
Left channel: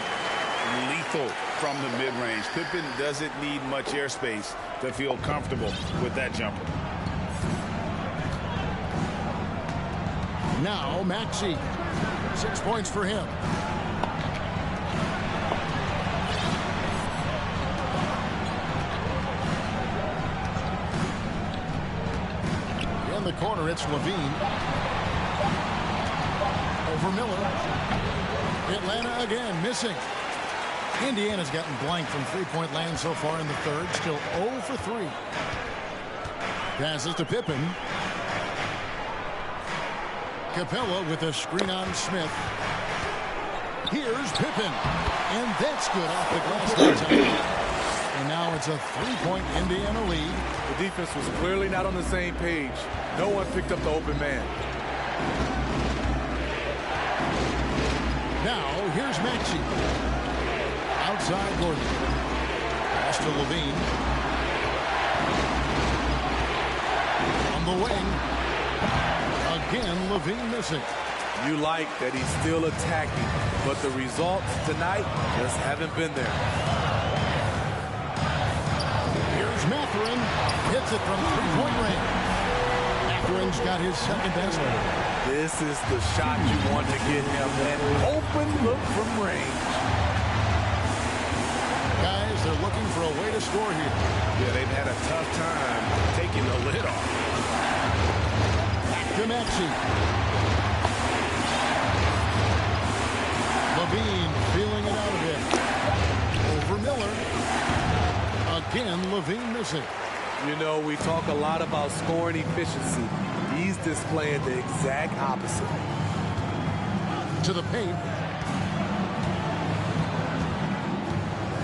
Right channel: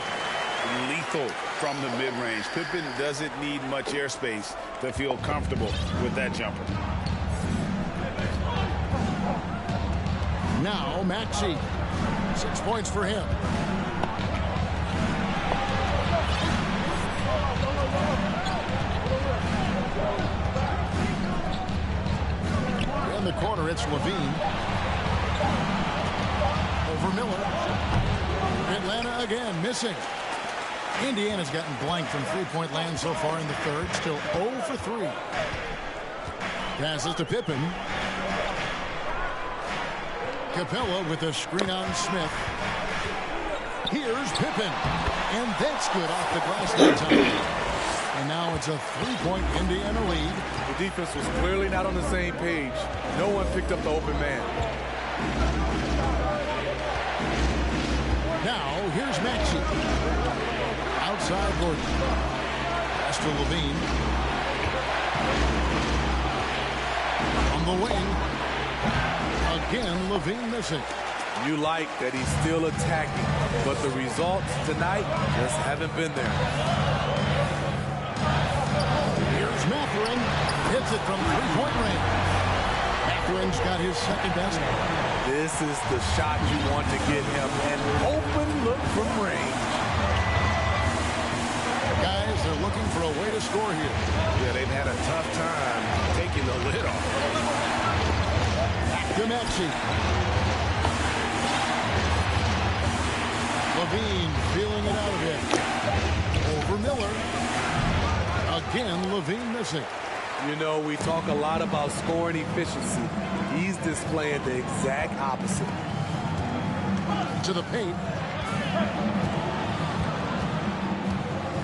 Lethal from the mid-range. Pippen doesn't need much airspace to feel comfortable with that jumper. Now Maxey. 6 points for him. In the corner, it's Levine. Over Miller. Atlanta again missing. Indiana's gotten blank from three-point land so far in the third. Still 0 for 3. Passes to Pippen. Capella with a screen on Smith. Here's Pippen. And that's good off the glass that time. And now it's a 3-point Indiana lead. The defense was clearly not on the same page. No one picked up the open man. Now here's Maxey. Outside Gordon. Pass to Levine. On the wing. Again, Levine missing. You like that he's still attacking, but the results tonight just haven't been there. Here's Mathurin. Hits it from three-point range. Matherin's got his second basket. This is the shot you want to get him. An open look from range. Guys, they're looking for a way to score here. Yeah, they've had a tough time taking the lid off. Back to Maxey. Levine feeling it out a bit. Over Miller. Again, Levine missing. You know, we talk a lot about scoring efficiency. He's displaying the exact opposite. To the paint.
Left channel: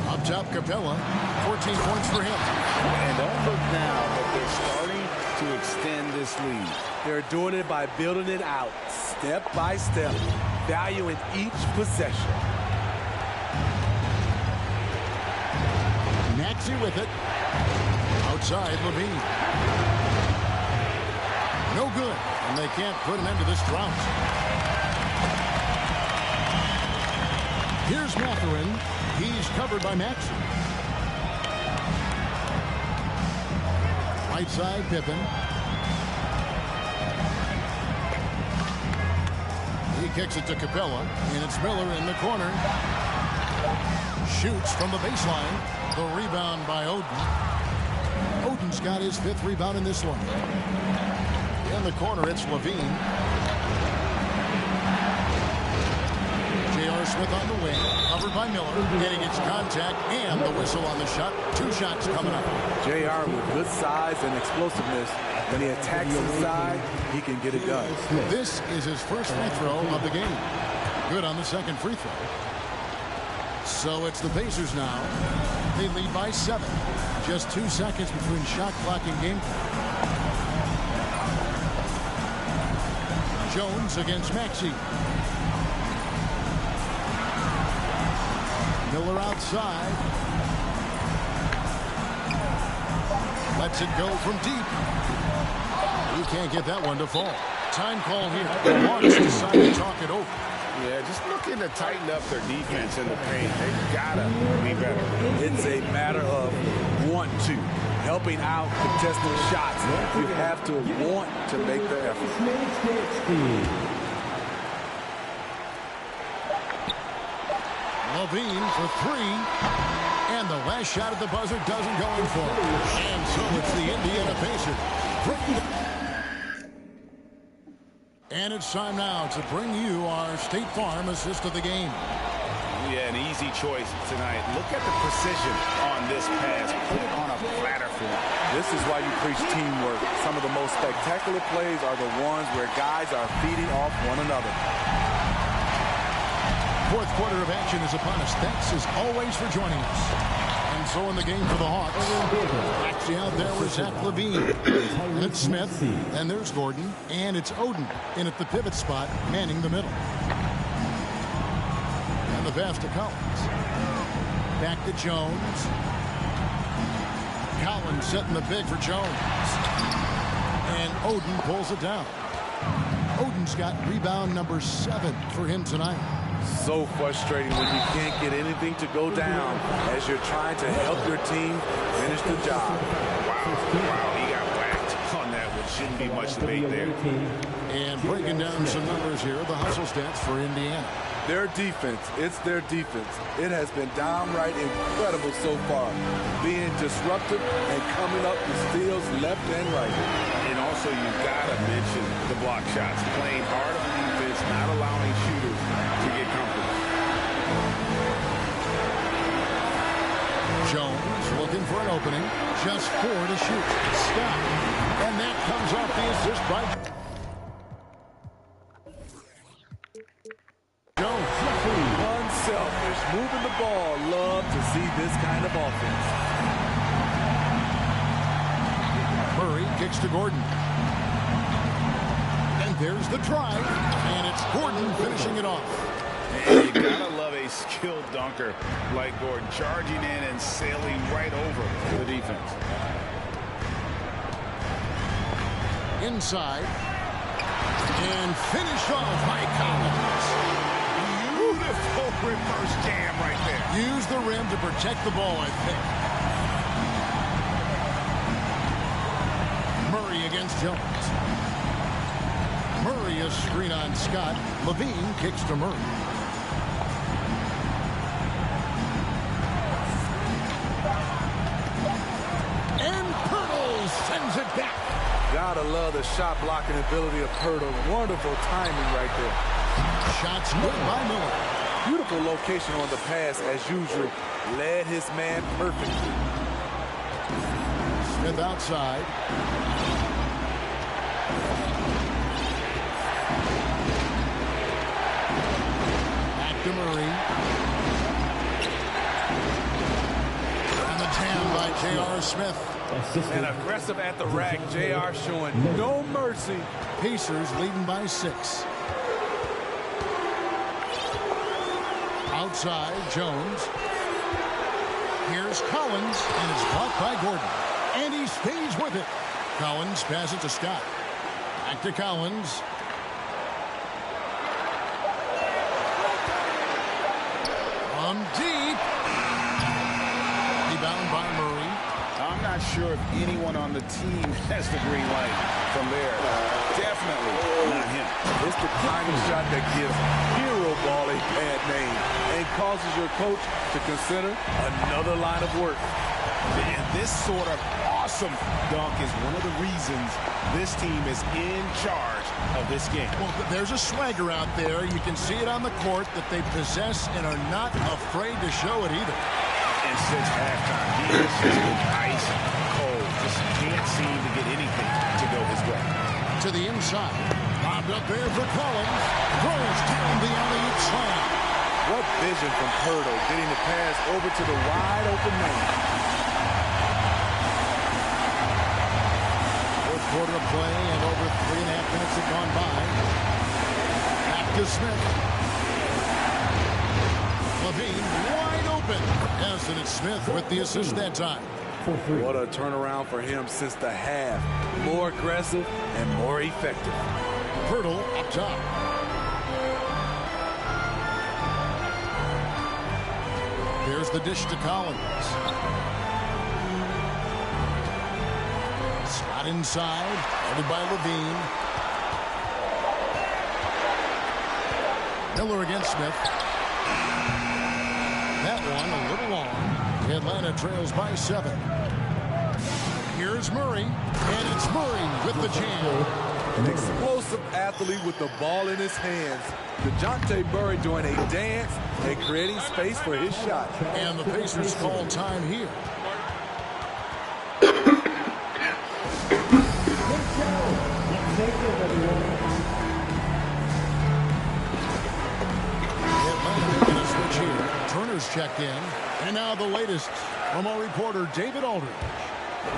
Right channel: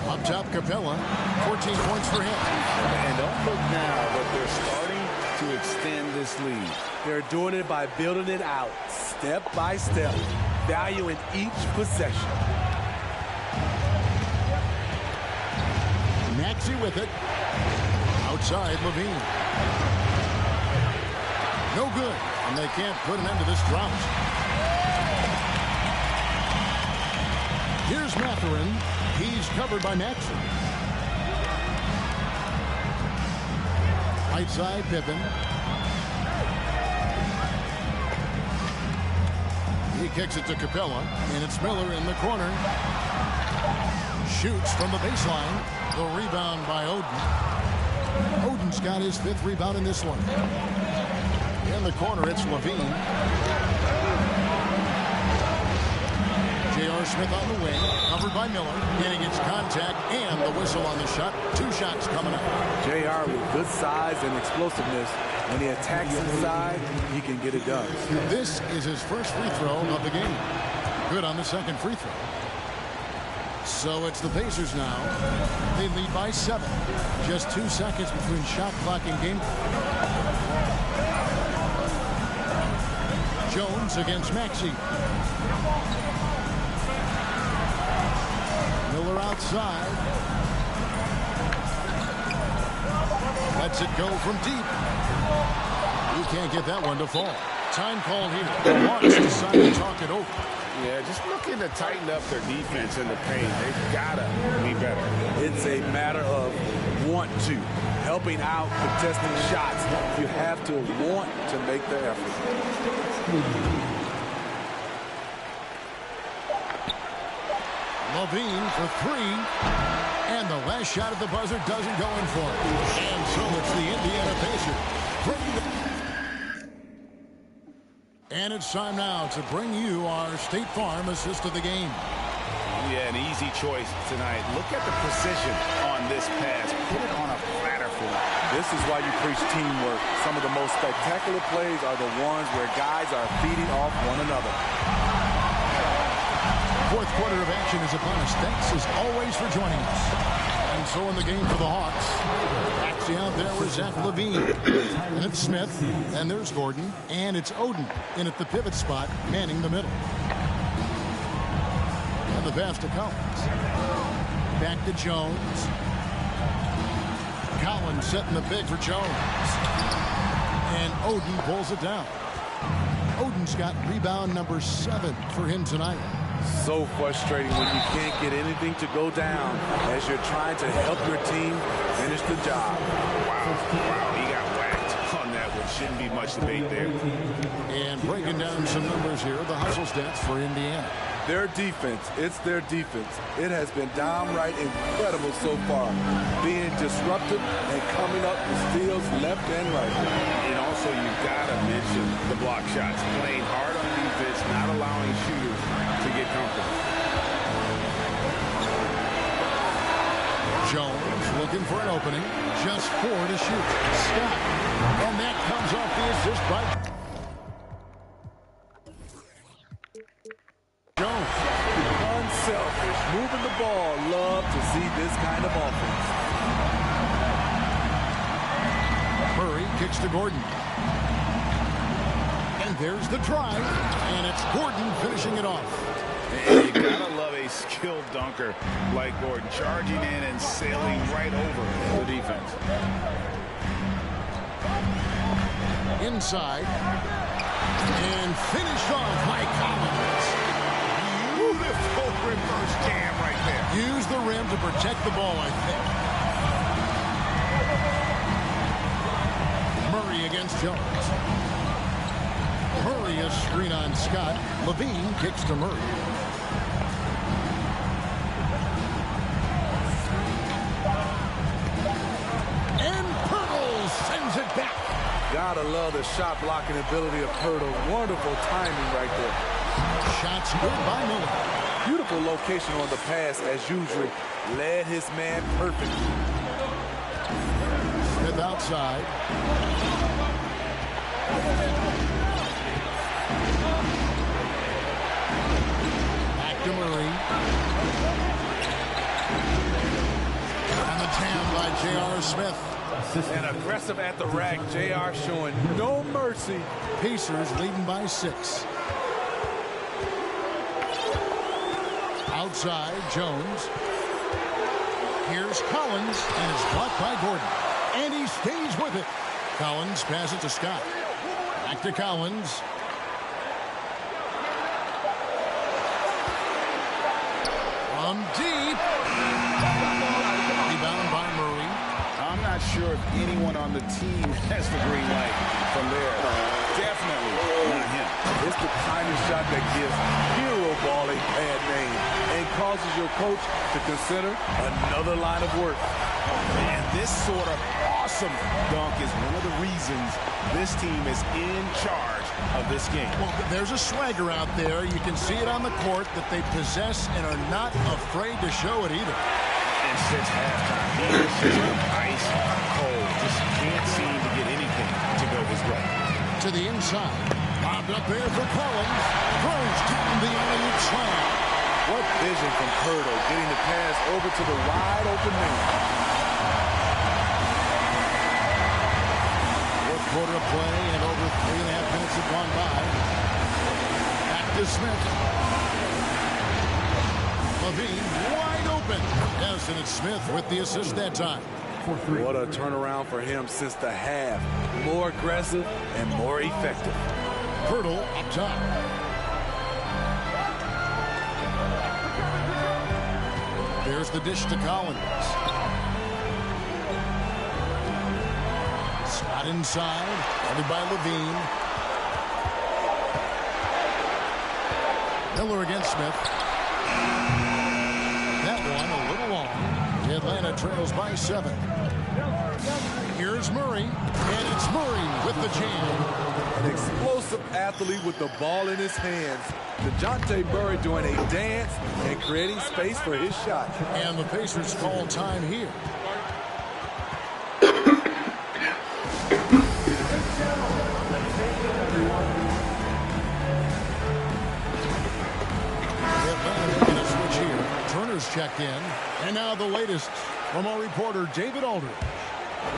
Up top, Capella. 14 points for him. And don't look now, but they're starting to extend this lead. They're doing it by building it out, step by step, valuing each possession. Maxey with it. Outside, Levine. No good, and they can't put an end to this drought. Here's Matherin. He's covered by Maxey. Right side, Pippen. He kicks it to Capella, and it's Miller in the corner. Shoots from the baseline. The rebound by Oden. Oden's got his 5th rebound in this one. In the corner, it's Levine. J.R. Smith on the wing, covered by Miller, and he gets contact and the whistle on the shot. 2 shots coming up. J.R. with good size and explosiveness. When he attacks inside, he can get it done. This is his first free throw of the game. Good on the second free throw. So it's the Pacers now. They lead by 7. Just 2 seconds between shot clock and game clock. Jones against Maxey. Miller outside. Lets it go from deep. He can't get that one to fall. Time call here. The Hawks decide to talk it over. Yeah, just looking to tighten up their defense in the paint. They've got to be better. It's a matter of want to. Helping out, contesting shots. You have to want to make the effort. Levine for 3. And the last shot at the buzzer doesn't go in for him. And so it's the Indiana Pacers. And it's time now to bring you our State Farm assist of the game. Yeah, an easy choice tonight. Look at the precision on this pass. Put it on a platter for him. This is why you preach teamwork. Some of the most spectacular plays are the ones where guys are feeding off one another. 4th quarter of action is upon us. Thanks as always for joining us. And so in the game for the Hawks, Maxey out there with Zach Levine. And it's Smith, and there's Gordon, and it's Oden in at the pivot spot, manning the middle. And the pass to Collins. Back to Jones. Collins setting the big for Jones. And Oden pulls it down. Oden's got rebound number 7 for him tonight. So frustrating when you can't get anything to go down as you're trying to help your team finish the job. Wow, he got whacked on that one. Shouldn't be much debate there. And breaking down some numbers here, the hustle stats for Indiana. Their defense, it's their defense. It has been downright incredible so far, being disruptive and coming up with steals left and right. And also, you've got to mention the block shots. Playing hard on defense, not allowing shooters to get comfortable. Jones looking for an opening. Just 4 to shoot. Scott. And that comes off the assist by Jones. Unselfish, moving the ball. Love to see this kind of offense. Murray kicks to Gordon. And there's the drive. And it's Gordon finishing it off. And you gotta love a skilled dunker like Gordon, charging in and sailing right over the defense. Inside. And finished off by Collins. Beautiful reverse jam right there. Use the rim to protect the ball, I think. Murray against Jones. Murray a screen on Scott. Levine kicks to Murray. And Pirtle sends it back. Gotta love the shot blocking ability of Pirtle. Wonderful timing right there. Shots good by Miller. Beautiful location on the pass as usual. Led his man perfectly. Smith outside. Back to Murray. And the jam by J.R. Smith. And aggressive at the rack. J.R. showing no mercy. Pacers leading by 6. Outside, Jones. Here's Collins, and it's blocked by Gordon. And he stays with it. Collins passes to Scott. Back to Collins. From deep. Rebound by Murray. I'm not sure if anyone on the team has the green light from there. Definitely not him. It's the kind of shot that gives hero ball a bad name and causes your coach to consider another line of work. Man, this sort of awesome dunk is one of the reasons this team is in charge of this game. Well, there's a swagger out there. You can see it on the court that they possess and are not afraid to show it either. And since halftime, he has just been ice cold. Just can't seem to get anything to go his way. To the inside. Bobbed up there for Collins. Throws down the alley-oop slam. What vision from Pirtle, getting the pass over to the wide open man. Fourth quarter of play, and over 3.5 minutes have gone by. Back to Smith. Levine wide open. Yes, and it's Smith with the assist that time. What a turnaround for him since the half. More aggressive and more effective. Pirtle up top. There's the dish to Collins. Scott inside, guarded by Levine. Miller against Smith. That one a little long. The Atlanta trails by 7. Here's Murray, and it's Murray with the jam. An explosive athlete with the ball in his hands. DeJounte Murray doing a dance and creating space for his shot. And the Pacers call time here. Atlanta making a switch here. Turner's checked in. And now the latest from our reporter, David Aldridge.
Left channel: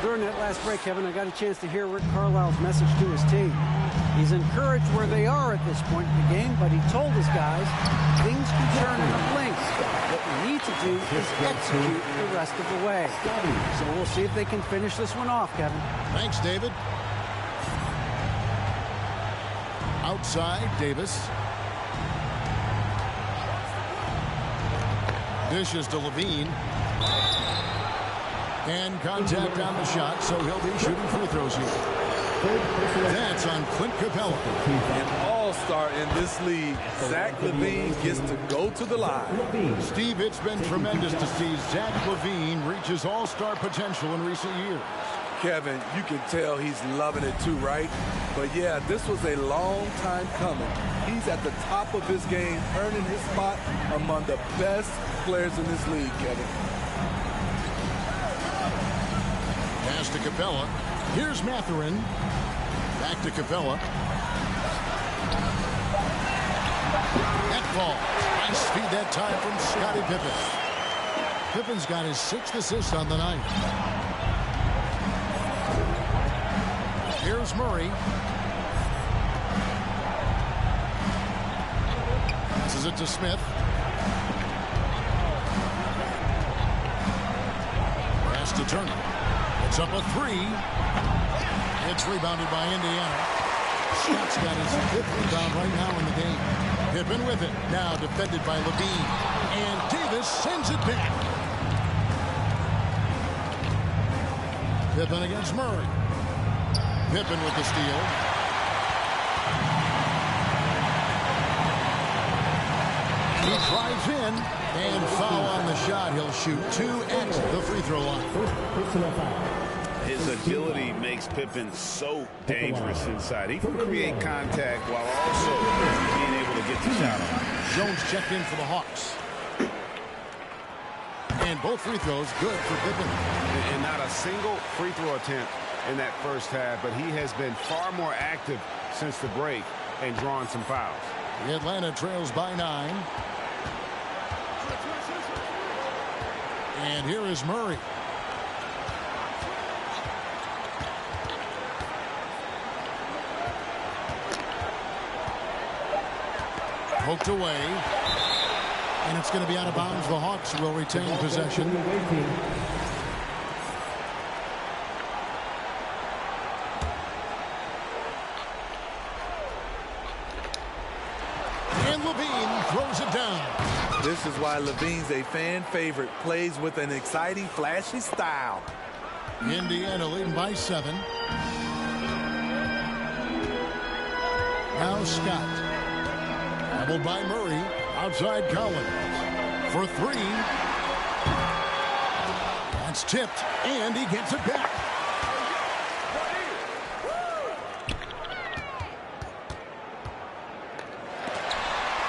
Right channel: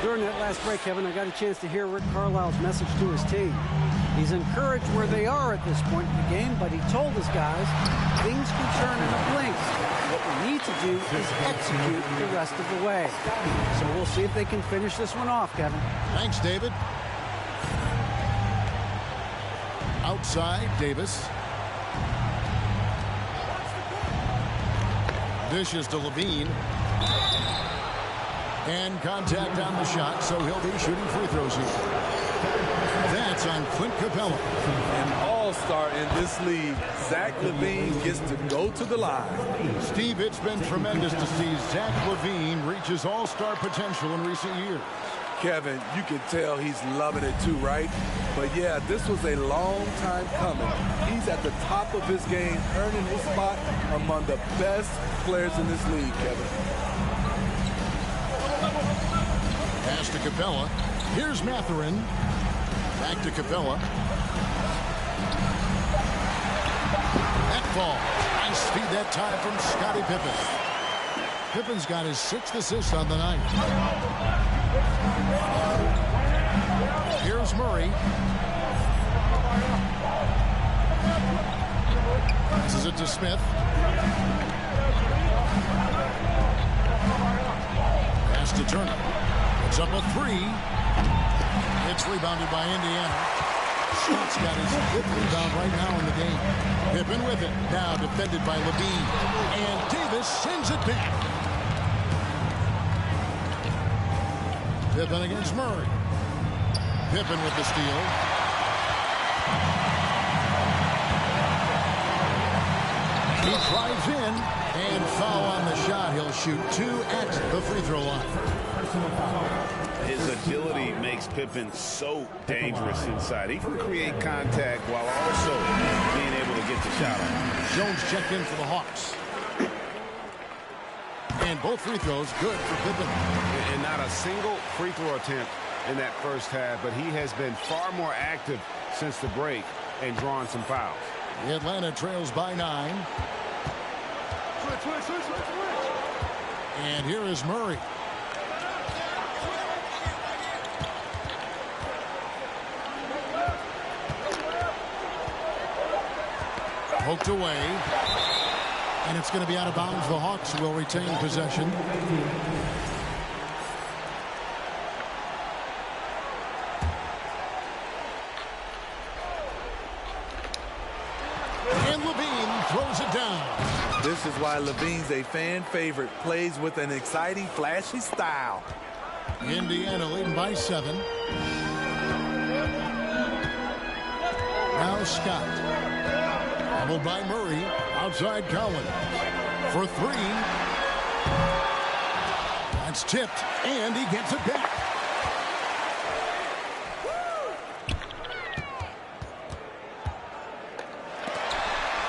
During that last break, Kevin, I got a chance to hear Rick Carlisle's message to his team. He's encouraged where they are at this point in the game, but he told his guys things can turn in a blink. What we need to do is execute the rest of the way. So we'll see if they can finish this one off, Kevin. Thanks, David. Outside, Davis. Dishes to Levine. And contact on the shot, so he'll be shooting free throws here. That's on Clint Capella. An all-star in this league. Zach LaVine gets to go to the line. Steve, it's been tremendous to see Zach LaVine reach his all-star potential in recent years. Kevin, you can tell he's loving it too, right? But yeah, this was a long time coming. He's at the top of his game, earning his spot among the best players in this league, Kevin. Pass to Capella. Here's Matherin. Back to Capella. That falls. Nice feed that time from Scottie Pippen. Pippen's got his 6th assist on the night. Here's Murray. Passes it to Smith. Pass to Turner. It's up a 3. It's rebounded by Indiana. Scott's got his 5th rebound right now in the game. Pippen with it. Now defended by Levine. And Davis sends it back. Pippen against Murray. Pippen with the steal. And he drives in. And foul on the shot. He'll shoot 2 at the free throw line. His agility makes Pippen so dangerous inside. He can create contact while also being able to get the shot off. Jones checked in for the Hawks. And both free throws good for Pippen. And not a single free throw attempt in that first half, but he has been far more active since the break and drawn some fouls. The Atlanta trails by 9. And here is Murray. Poked away. And it's going to be out of bounds. The Hawks will retain possession. And Levine throws it down. This is why Levine's a fan favorite. Plays with an exciting, flashy style. Indiana leading by 7. Now Scott. Doubled by Murray. Outside Collins. For 3. That's tipped. And he gets it back.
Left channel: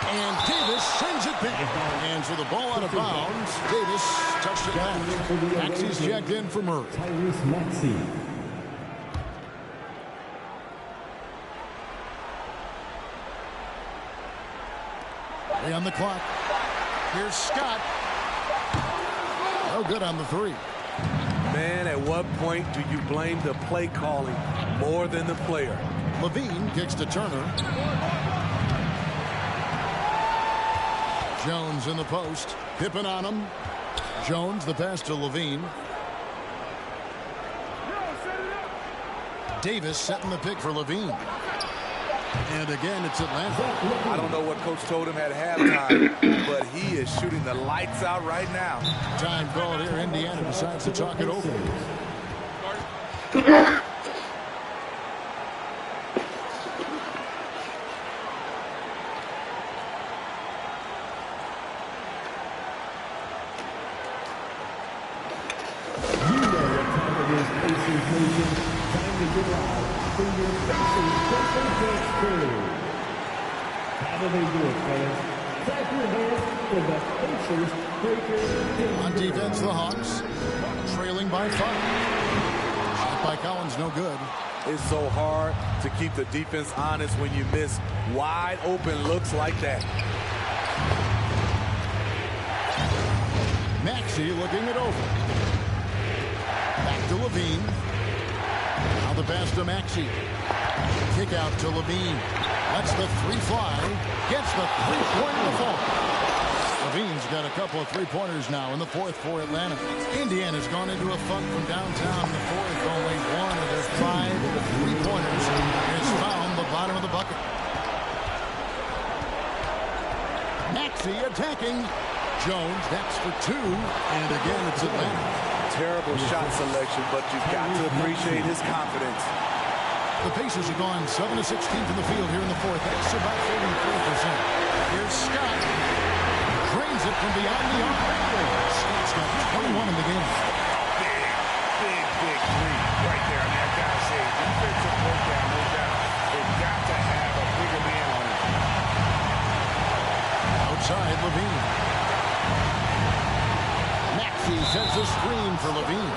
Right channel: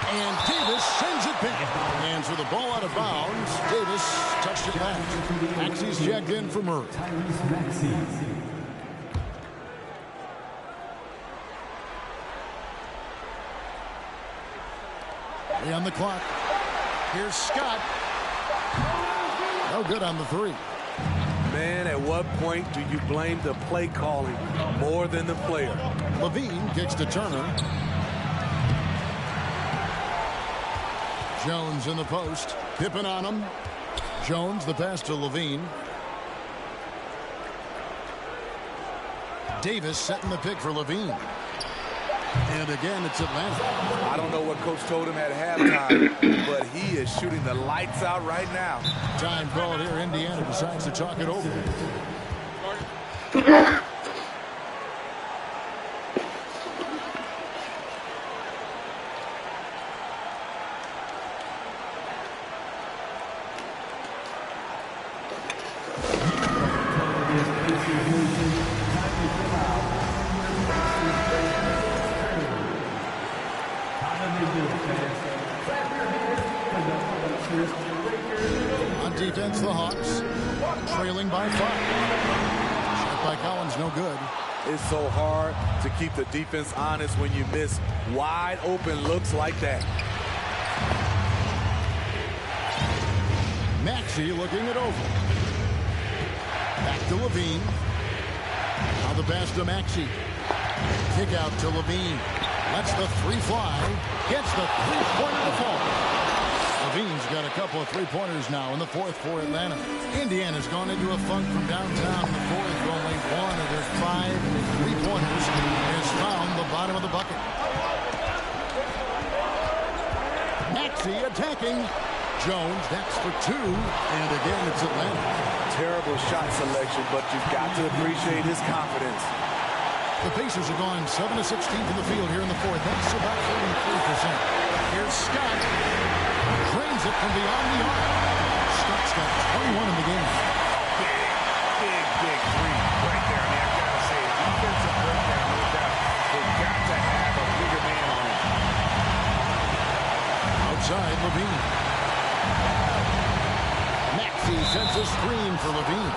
And Davis sends it back. And so the ball out of bounds. Davis touched it last. Maxey's checked in for Murray. Tyrese Maxey. On the clock. Here's Scott. No good on the 3. Man, at what point do you blame the play calling more than the player? Levine kicks to Turner. Jones in the post. Pippen on him. Jones, the pass to Levine. Davis setting the pick for Levine. And again, it's Atlanta. I don't know what Coach told him at halftime, but he is shooting the lights out right now. Time called here. Indiana decides to talk it over. On defense, the Hawks trailing by 5. Shot by Collins, no good. It's so hard to keep the defense honest when you miss wide open looks like that. Maxey looking it over. Back to Levine. Now the pass to Maxey. Kick out to Levine. Lets the 3 fly. Gets the 3-pointer to fall. Levine's got a couple of 3-pointers now in the 4th for Atlanta. Indiana's gone into a funk from downtown in the 4th. Only 1 of their 5 3-pointers has found the bottom of the bucket. Maxey attacking. Jones, that's for 2. And again, it's Atlanta. Terrible shot selection, but you've got to appreciate his confidence. The Pacers are going 7 of 16 from the field here in the 4th. That's about 43%. Here's Scott. Drains it from beyond the arc. Scott's got 21 in the game. Big 3 right there. I mean, I've got to say, defensive breakdown, no doubt. They've got to have a bigger man on him. Outside, Levine. Maxey sends a screen for Levine.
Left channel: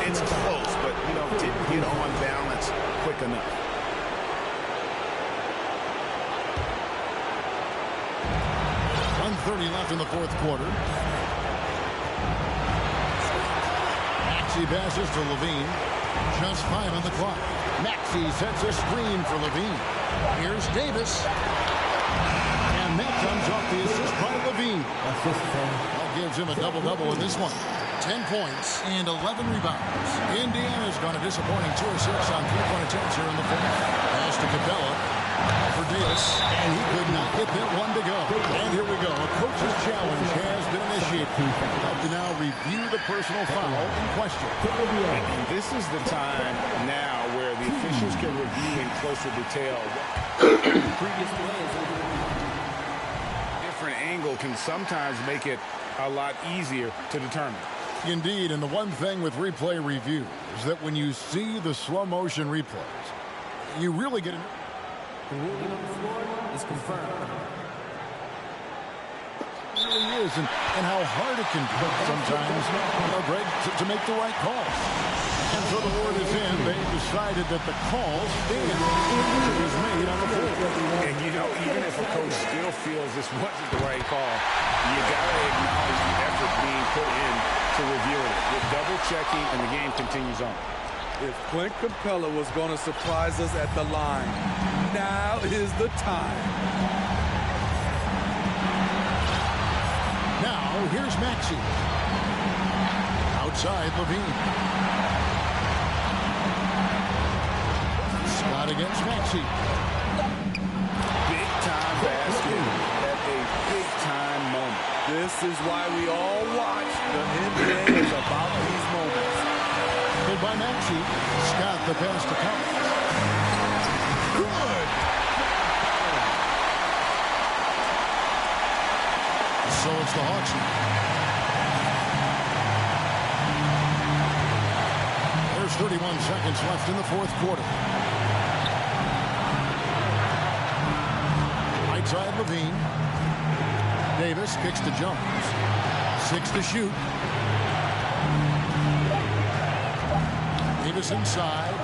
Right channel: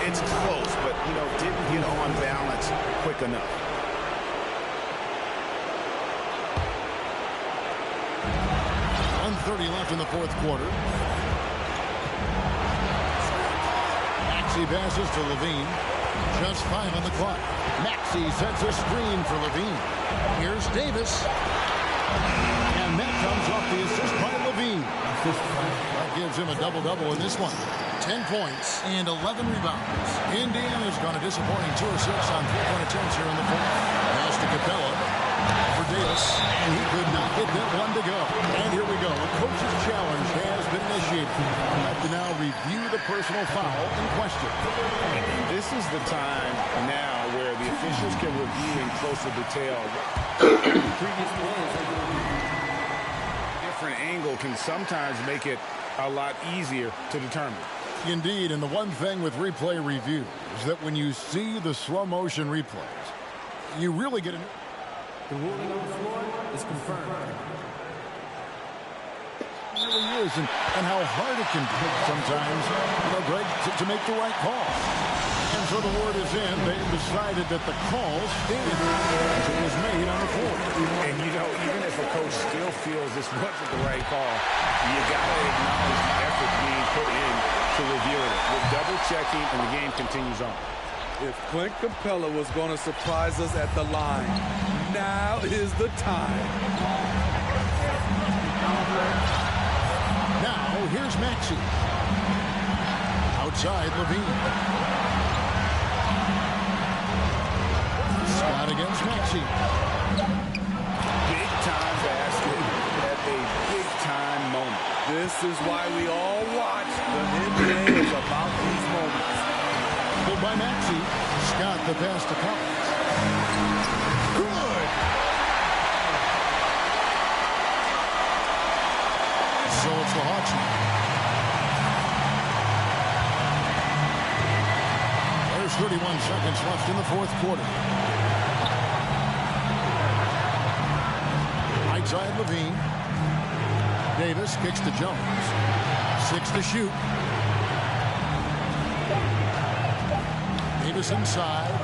It's close, but, you know, didn't get on balance quick enough. .130 left in the 4th quarter. Maxey passes to Levine. Just 5 on the clock. Maxey sets a screen for Levine. Here's Davis. And that comes off the assist by Levine. That gives him a double-double in this one. 10 points and 11 rebounds. Indiana's gone a disappointing 2 of 6 on 3-point attempts here in the 4th. Pass to Capella for Davis, and he could not get that one to go. And here we go. A coach's challenge has been initiated. We have to now review the personal foul in question. And this is the time now where the officials can review in closer detail. Previous play is under review. They're different angle can sometimes make it a lot easier to determine. Indeed, and the one thing with replay review is that when you see the slow motion replays, you really get The ruling on the floor is confirmed. It really is, and how hard it can be sometimes, Greg, to make the right call. And so the word is in. They've decided that the call stands as it was made on the floor. And, even if a coach still feels this wasn't the right call, you got to acknowledge the effort being put in to reviewing it. With double-checking, and the game continues on. If Clint Capella was going to surprise us at the line, now is the time. Now, here's Maxey. Outside, Levine. Scott against Maxey. Big-time basket at a big-time moment. This is why we all watch. The NBA is about these moments. Pulled by Maxey. Scott the pass to Collins. Good! So it's the Hawks now. There's 31 seconds left in the fourth quarter. Right side, Levine. Davis kicks to Jones. 6 to shoot. Davis inside.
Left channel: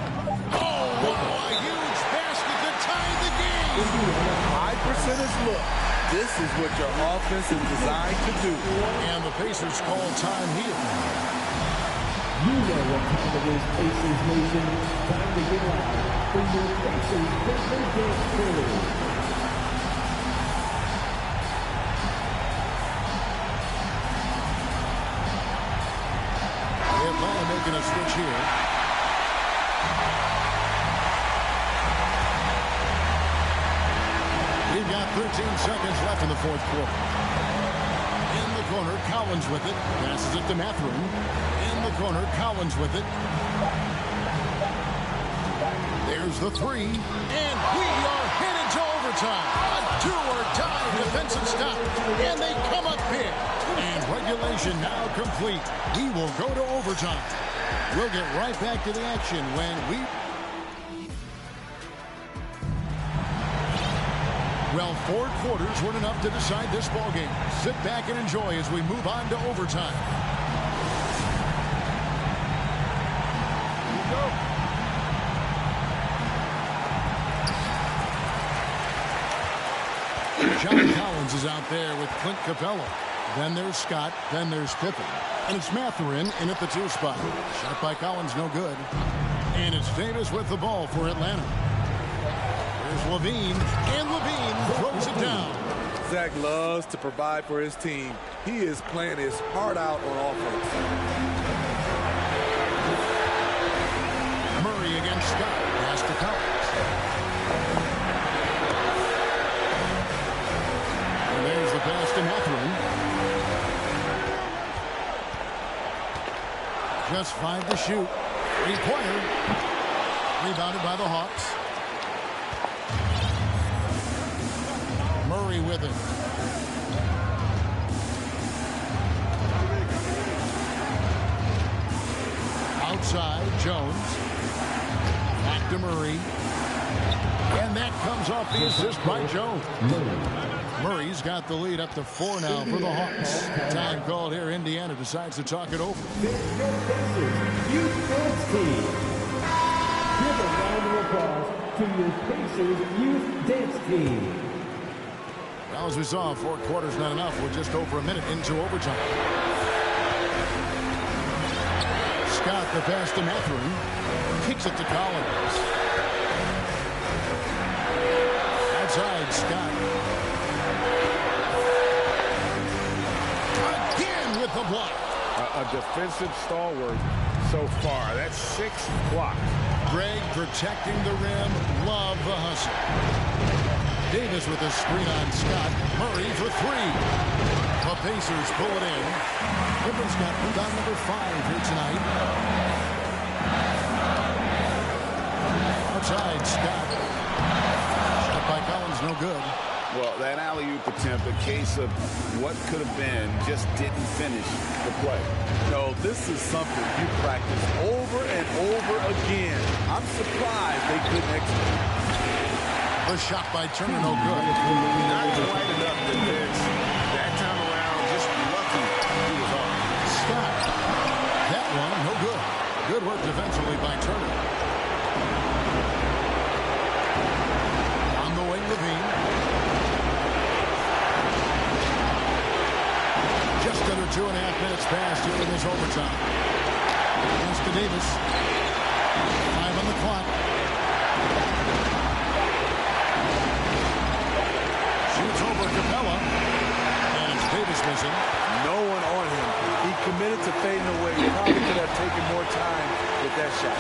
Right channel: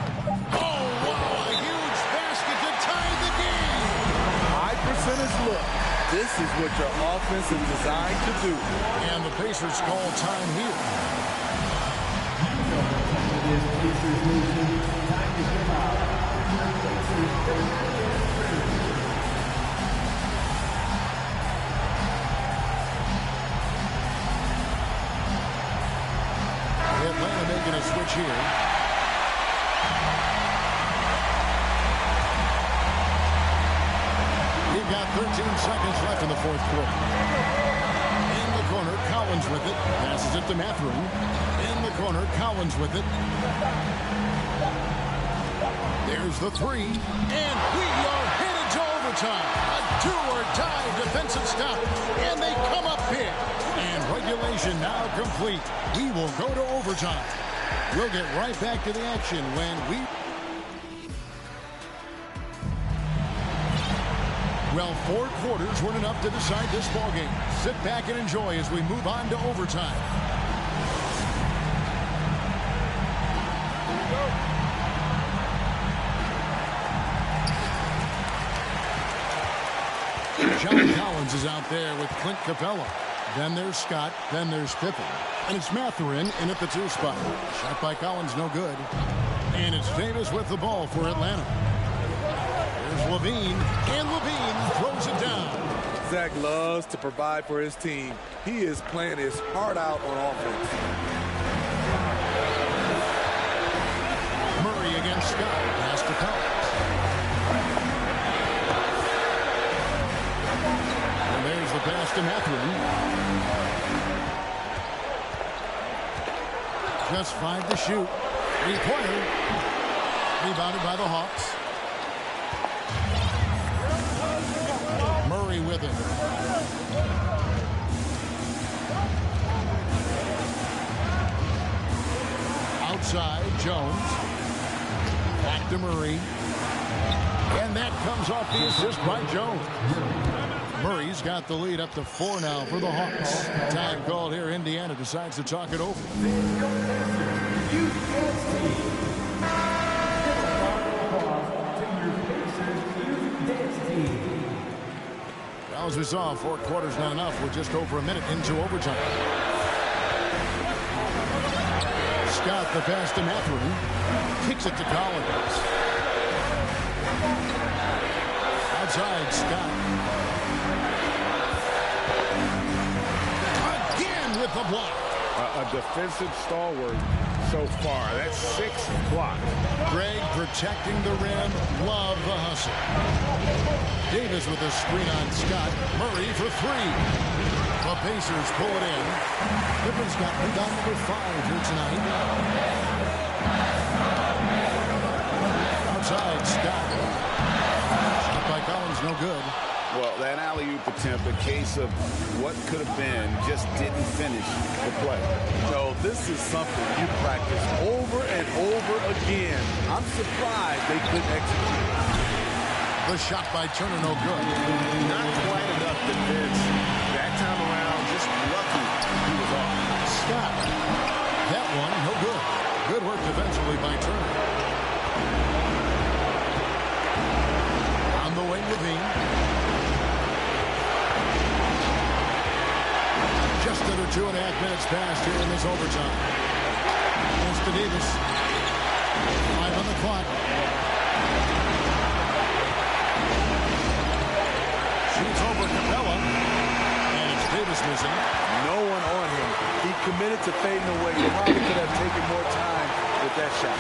Oh, wow, a huge basket to tie the game. High percentage look. This is what your offense is designed to do. And the Pacers call time here. You know what time it is, Pacers Nation. Time to get out when your Pacers turn their game through. Atlanta making a switch here. We've got 13 seconds left in the fourth quarter. In the corner, Collins with it. Passes it to Mathurin. In the corner, Collins with it. There's the three. And we are headed to overtime. A do-or-die defensive stop. And they come up big. And regulation now complete. We will go to overtime. We'll get right back to the action when we... Well, 4 quarters weren't enough to decide this ballgame. Sit back and enjoy as we move on to overtime. Here we go. John Collins is out there with Clint Capella. Then there's Scott. Then there's Pippen. And it's Mathurin in at the 2 spot. Shot by Collins, no good. And it's Davis with the ball for Atlanta. There's Levine, and Levine throws it down. Zach loves to provide for his team. He is playing his heart out on offense. Murray against Scott. Pass to Collins. And there's the pass to Mathurin. Just 5 to shoot. 3-pointer. Rebounded by the Hawks. Murray with it. Outside, Jones. Back to Murray. And that comes off the assist by Jones. Murray's got the lead up to 4 now for the Hawks. Time called here. Indiana decides to talk it over. Youth Dance Team. Give a round of applause to your Pacers Youth Dance Team. Well, as we saw, 4 quarters not enough. We're just over a minute into overtime. Scott the pass to Mathurin. Kicks it to Collins. Outside, Scott. Again with the block. A defensive stalwart so far. That's 6 blocks. Greg protecting the rim. Love the hustle. Davis with a screen on Scott. Murray for 3. The Pacers pull it in. Pippen's got rebound number 5 here tonight. Outside, Scott. Shot by Collins, no good. Well, that alley-oop attempt, a case of what could have been, just didn't finish the play. No, this is something you practice over and over again. I'm surprised they couldn't execute. The shot by Turner, no good. Not quite enough defense. That time around, just lucky he was off. Scott. That one, no good. Good work defensively by Turner. On the wing, Levine. Just under 2.5 minutes passed here in this overtime. Pass to Davis. 5 on the clock. Shoots over Capella. And it's Davis missing. No one on him. He committed to fading away. He probably could have taken more time with that shot.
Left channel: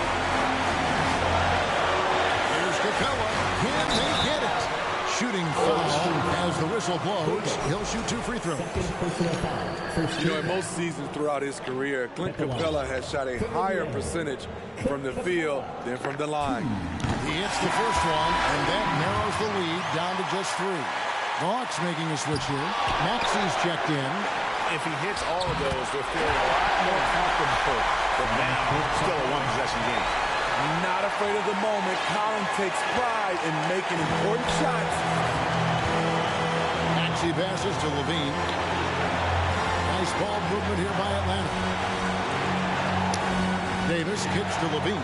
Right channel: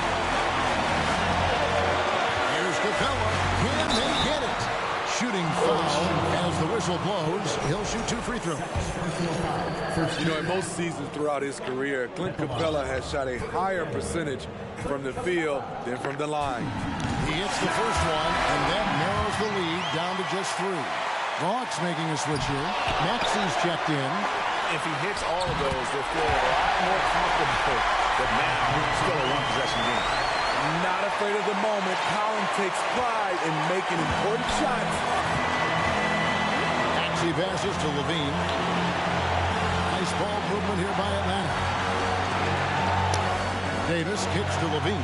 Here's Capella. Can they get it? Shooting foul as the whistle blows. He'll shoot 2 free throws. You know, in most seasons throughout his career, Clint Capella has shot a higher percentage from the field than from the line. He hits the first one, and that narrows the lead down to just 3. The Hawks making a switch here. Maxi's checked in. If he hits all of those, they're feeling a lot more comfortable. But now, still a one-possession game. Not afraid of the moment. Collins takes pride in making important shots. Maxey passes to Levine. Nice ball movement here by Atlanta. Davis kicks to Levine.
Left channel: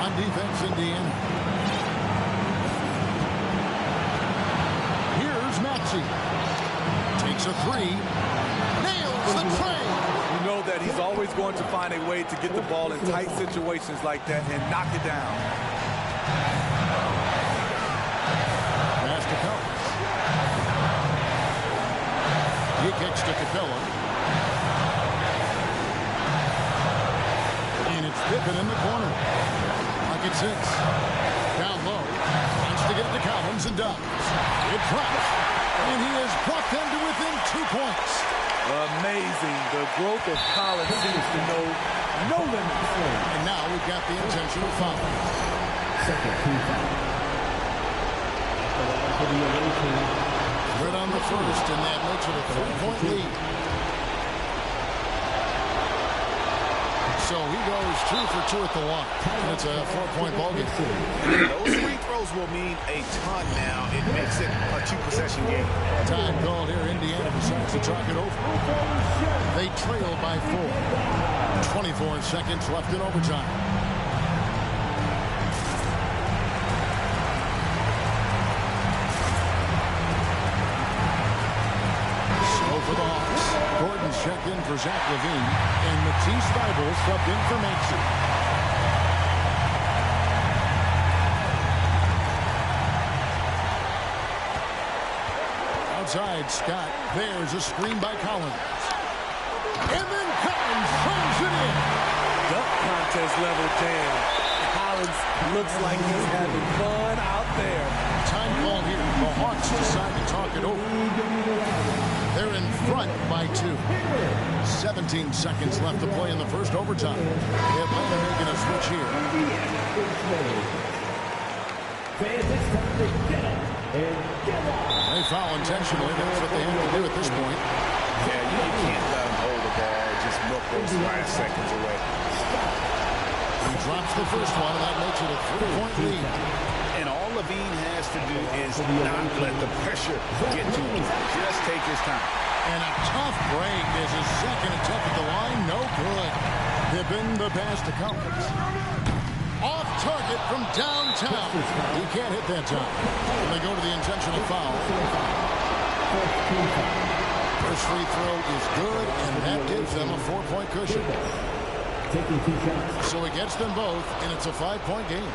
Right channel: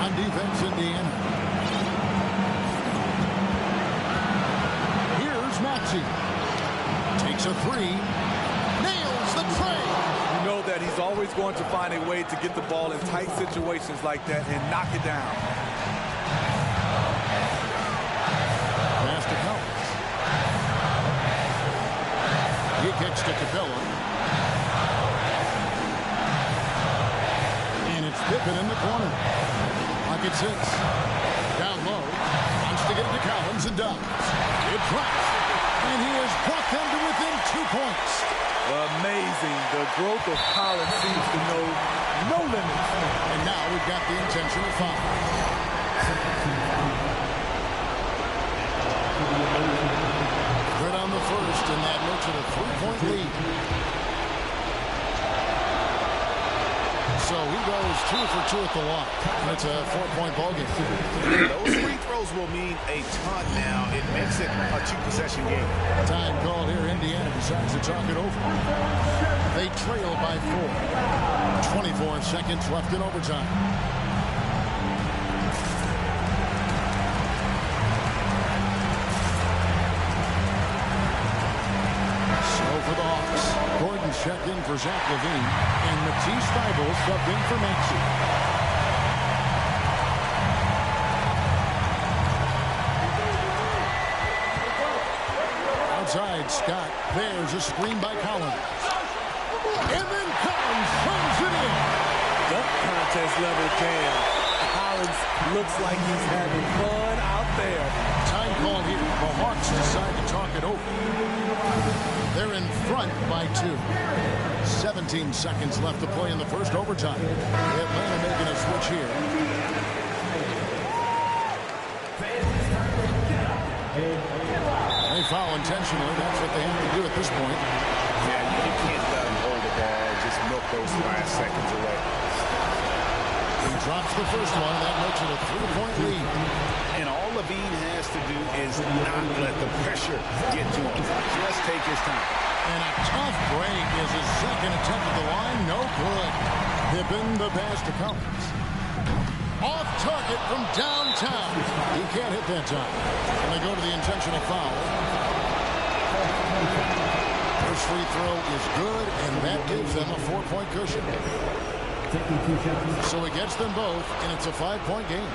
On defense, Indiana. Here's Maxey. Takes a 3. Nails the tray. You know that he's always going to find a way to get the ball in tight situations like that and knock it down. Pass to Collins. He kicks to Capella. And it's Pippen in the corner. Lock at 6. Down low. Wants to get it to Collins and does. It drops. And he has brought them to within 2 points. Amazing. The growth of Collins seems to know no limits. And now we've got the intentional foul. Good on the first, and that makes it a 3-point lead. So he goes 2 for 2 at the line, and it's a 4-point ball game. Those free throws will mean a ton now. It makes it a 2-possession game. Time called here. Indiana decides to talk it over. They trail by 4. 24 seconds left in overtime. For the Hawks, Gordon's checked in for Zach LaVine, and Matisse Thybulle subbed in for Maxey. Outside, Scott. There's a screen by Collins. And then Collins slams it in. Dunk contest level jam. Collins looks like he's having fun out there. Time called here. The Hawks decide to talk it over. They're in front by 2. 17 seconds left to play in the first overtime. Atlanta making a switch here. They foul intentionally. That's what they have to do at this point. Yeah, you can't let them hold the ball. Just milk those last seconds away. He drops the first one, and that makes it a 3-point lead. And all Levine has to do is not let the pressure get to him. Just take his time. And a tough break is his second attempt at the line. No good. Pippen the pass to Collins. Off target from downtown. He can't hit that time. And they go to the intentional foul. First free throw is good, and that gives them a 4-point cushion. So it gets them both, and it's a 5-point game.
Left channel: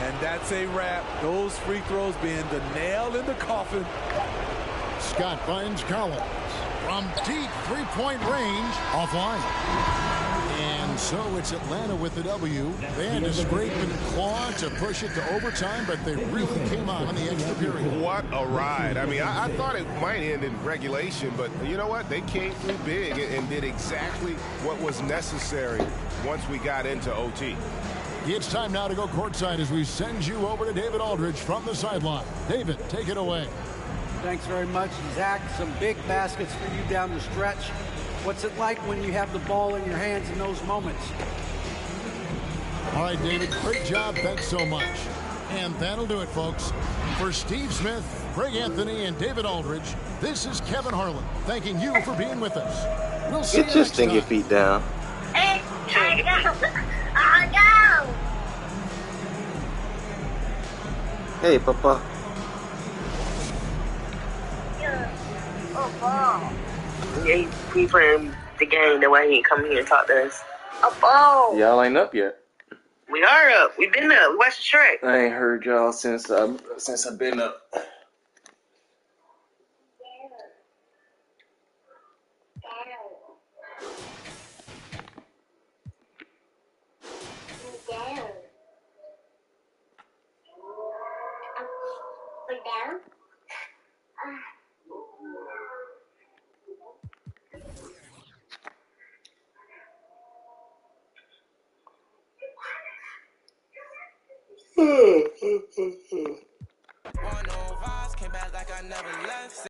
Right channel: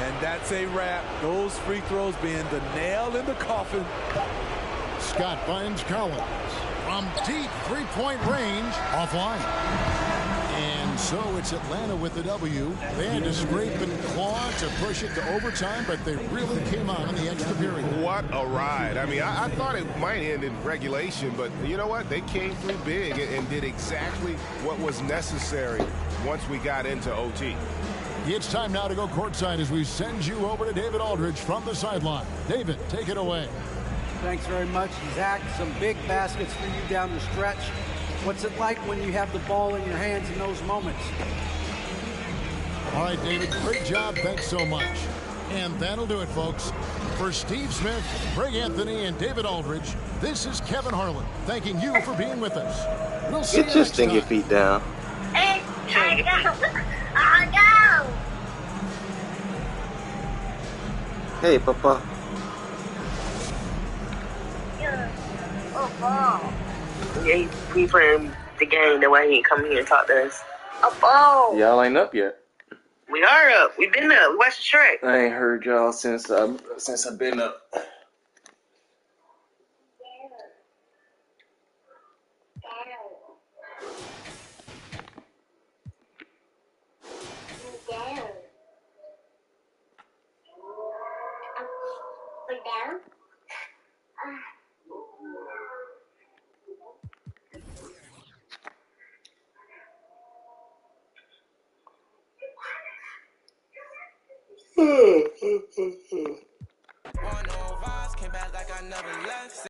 And that's a wrap. Those free throws being the nail in the coffin. Scott finds Collins. from deep three-point range, offline. And so it's Atlanta with the W. They had to scrape and claw to push it to overtime, but they really came on in the extra period. What a ride. I mean, I thought it might end in regulation, but you know what? They came through big and did exactly what was necessary once we got into OT. It's time now to go courtside as we send you over to David Aldridge from the sideline. David, take it away. Thanks very much, Zach. Some big baskets for you down the stretch. What's it like when you have the ball in your hands in those moments? All right, David, great job. Thanks so much. And that'll do it, folks. For Steve Smith, Greg Anthony, and David Aldridge, this is Kevin Harlan thanking you for being with us. We'll see you next time. Get your stinky feet down. Hey, I go. Hey, Papa. Oh, ball. Yeah, he playing the game. That way he ain't come here and talk to us. A ball. Y'all ain't up yet. We are up. We been up. We watched the track. I ain't heard y'all since I've been up. Came back like I never left.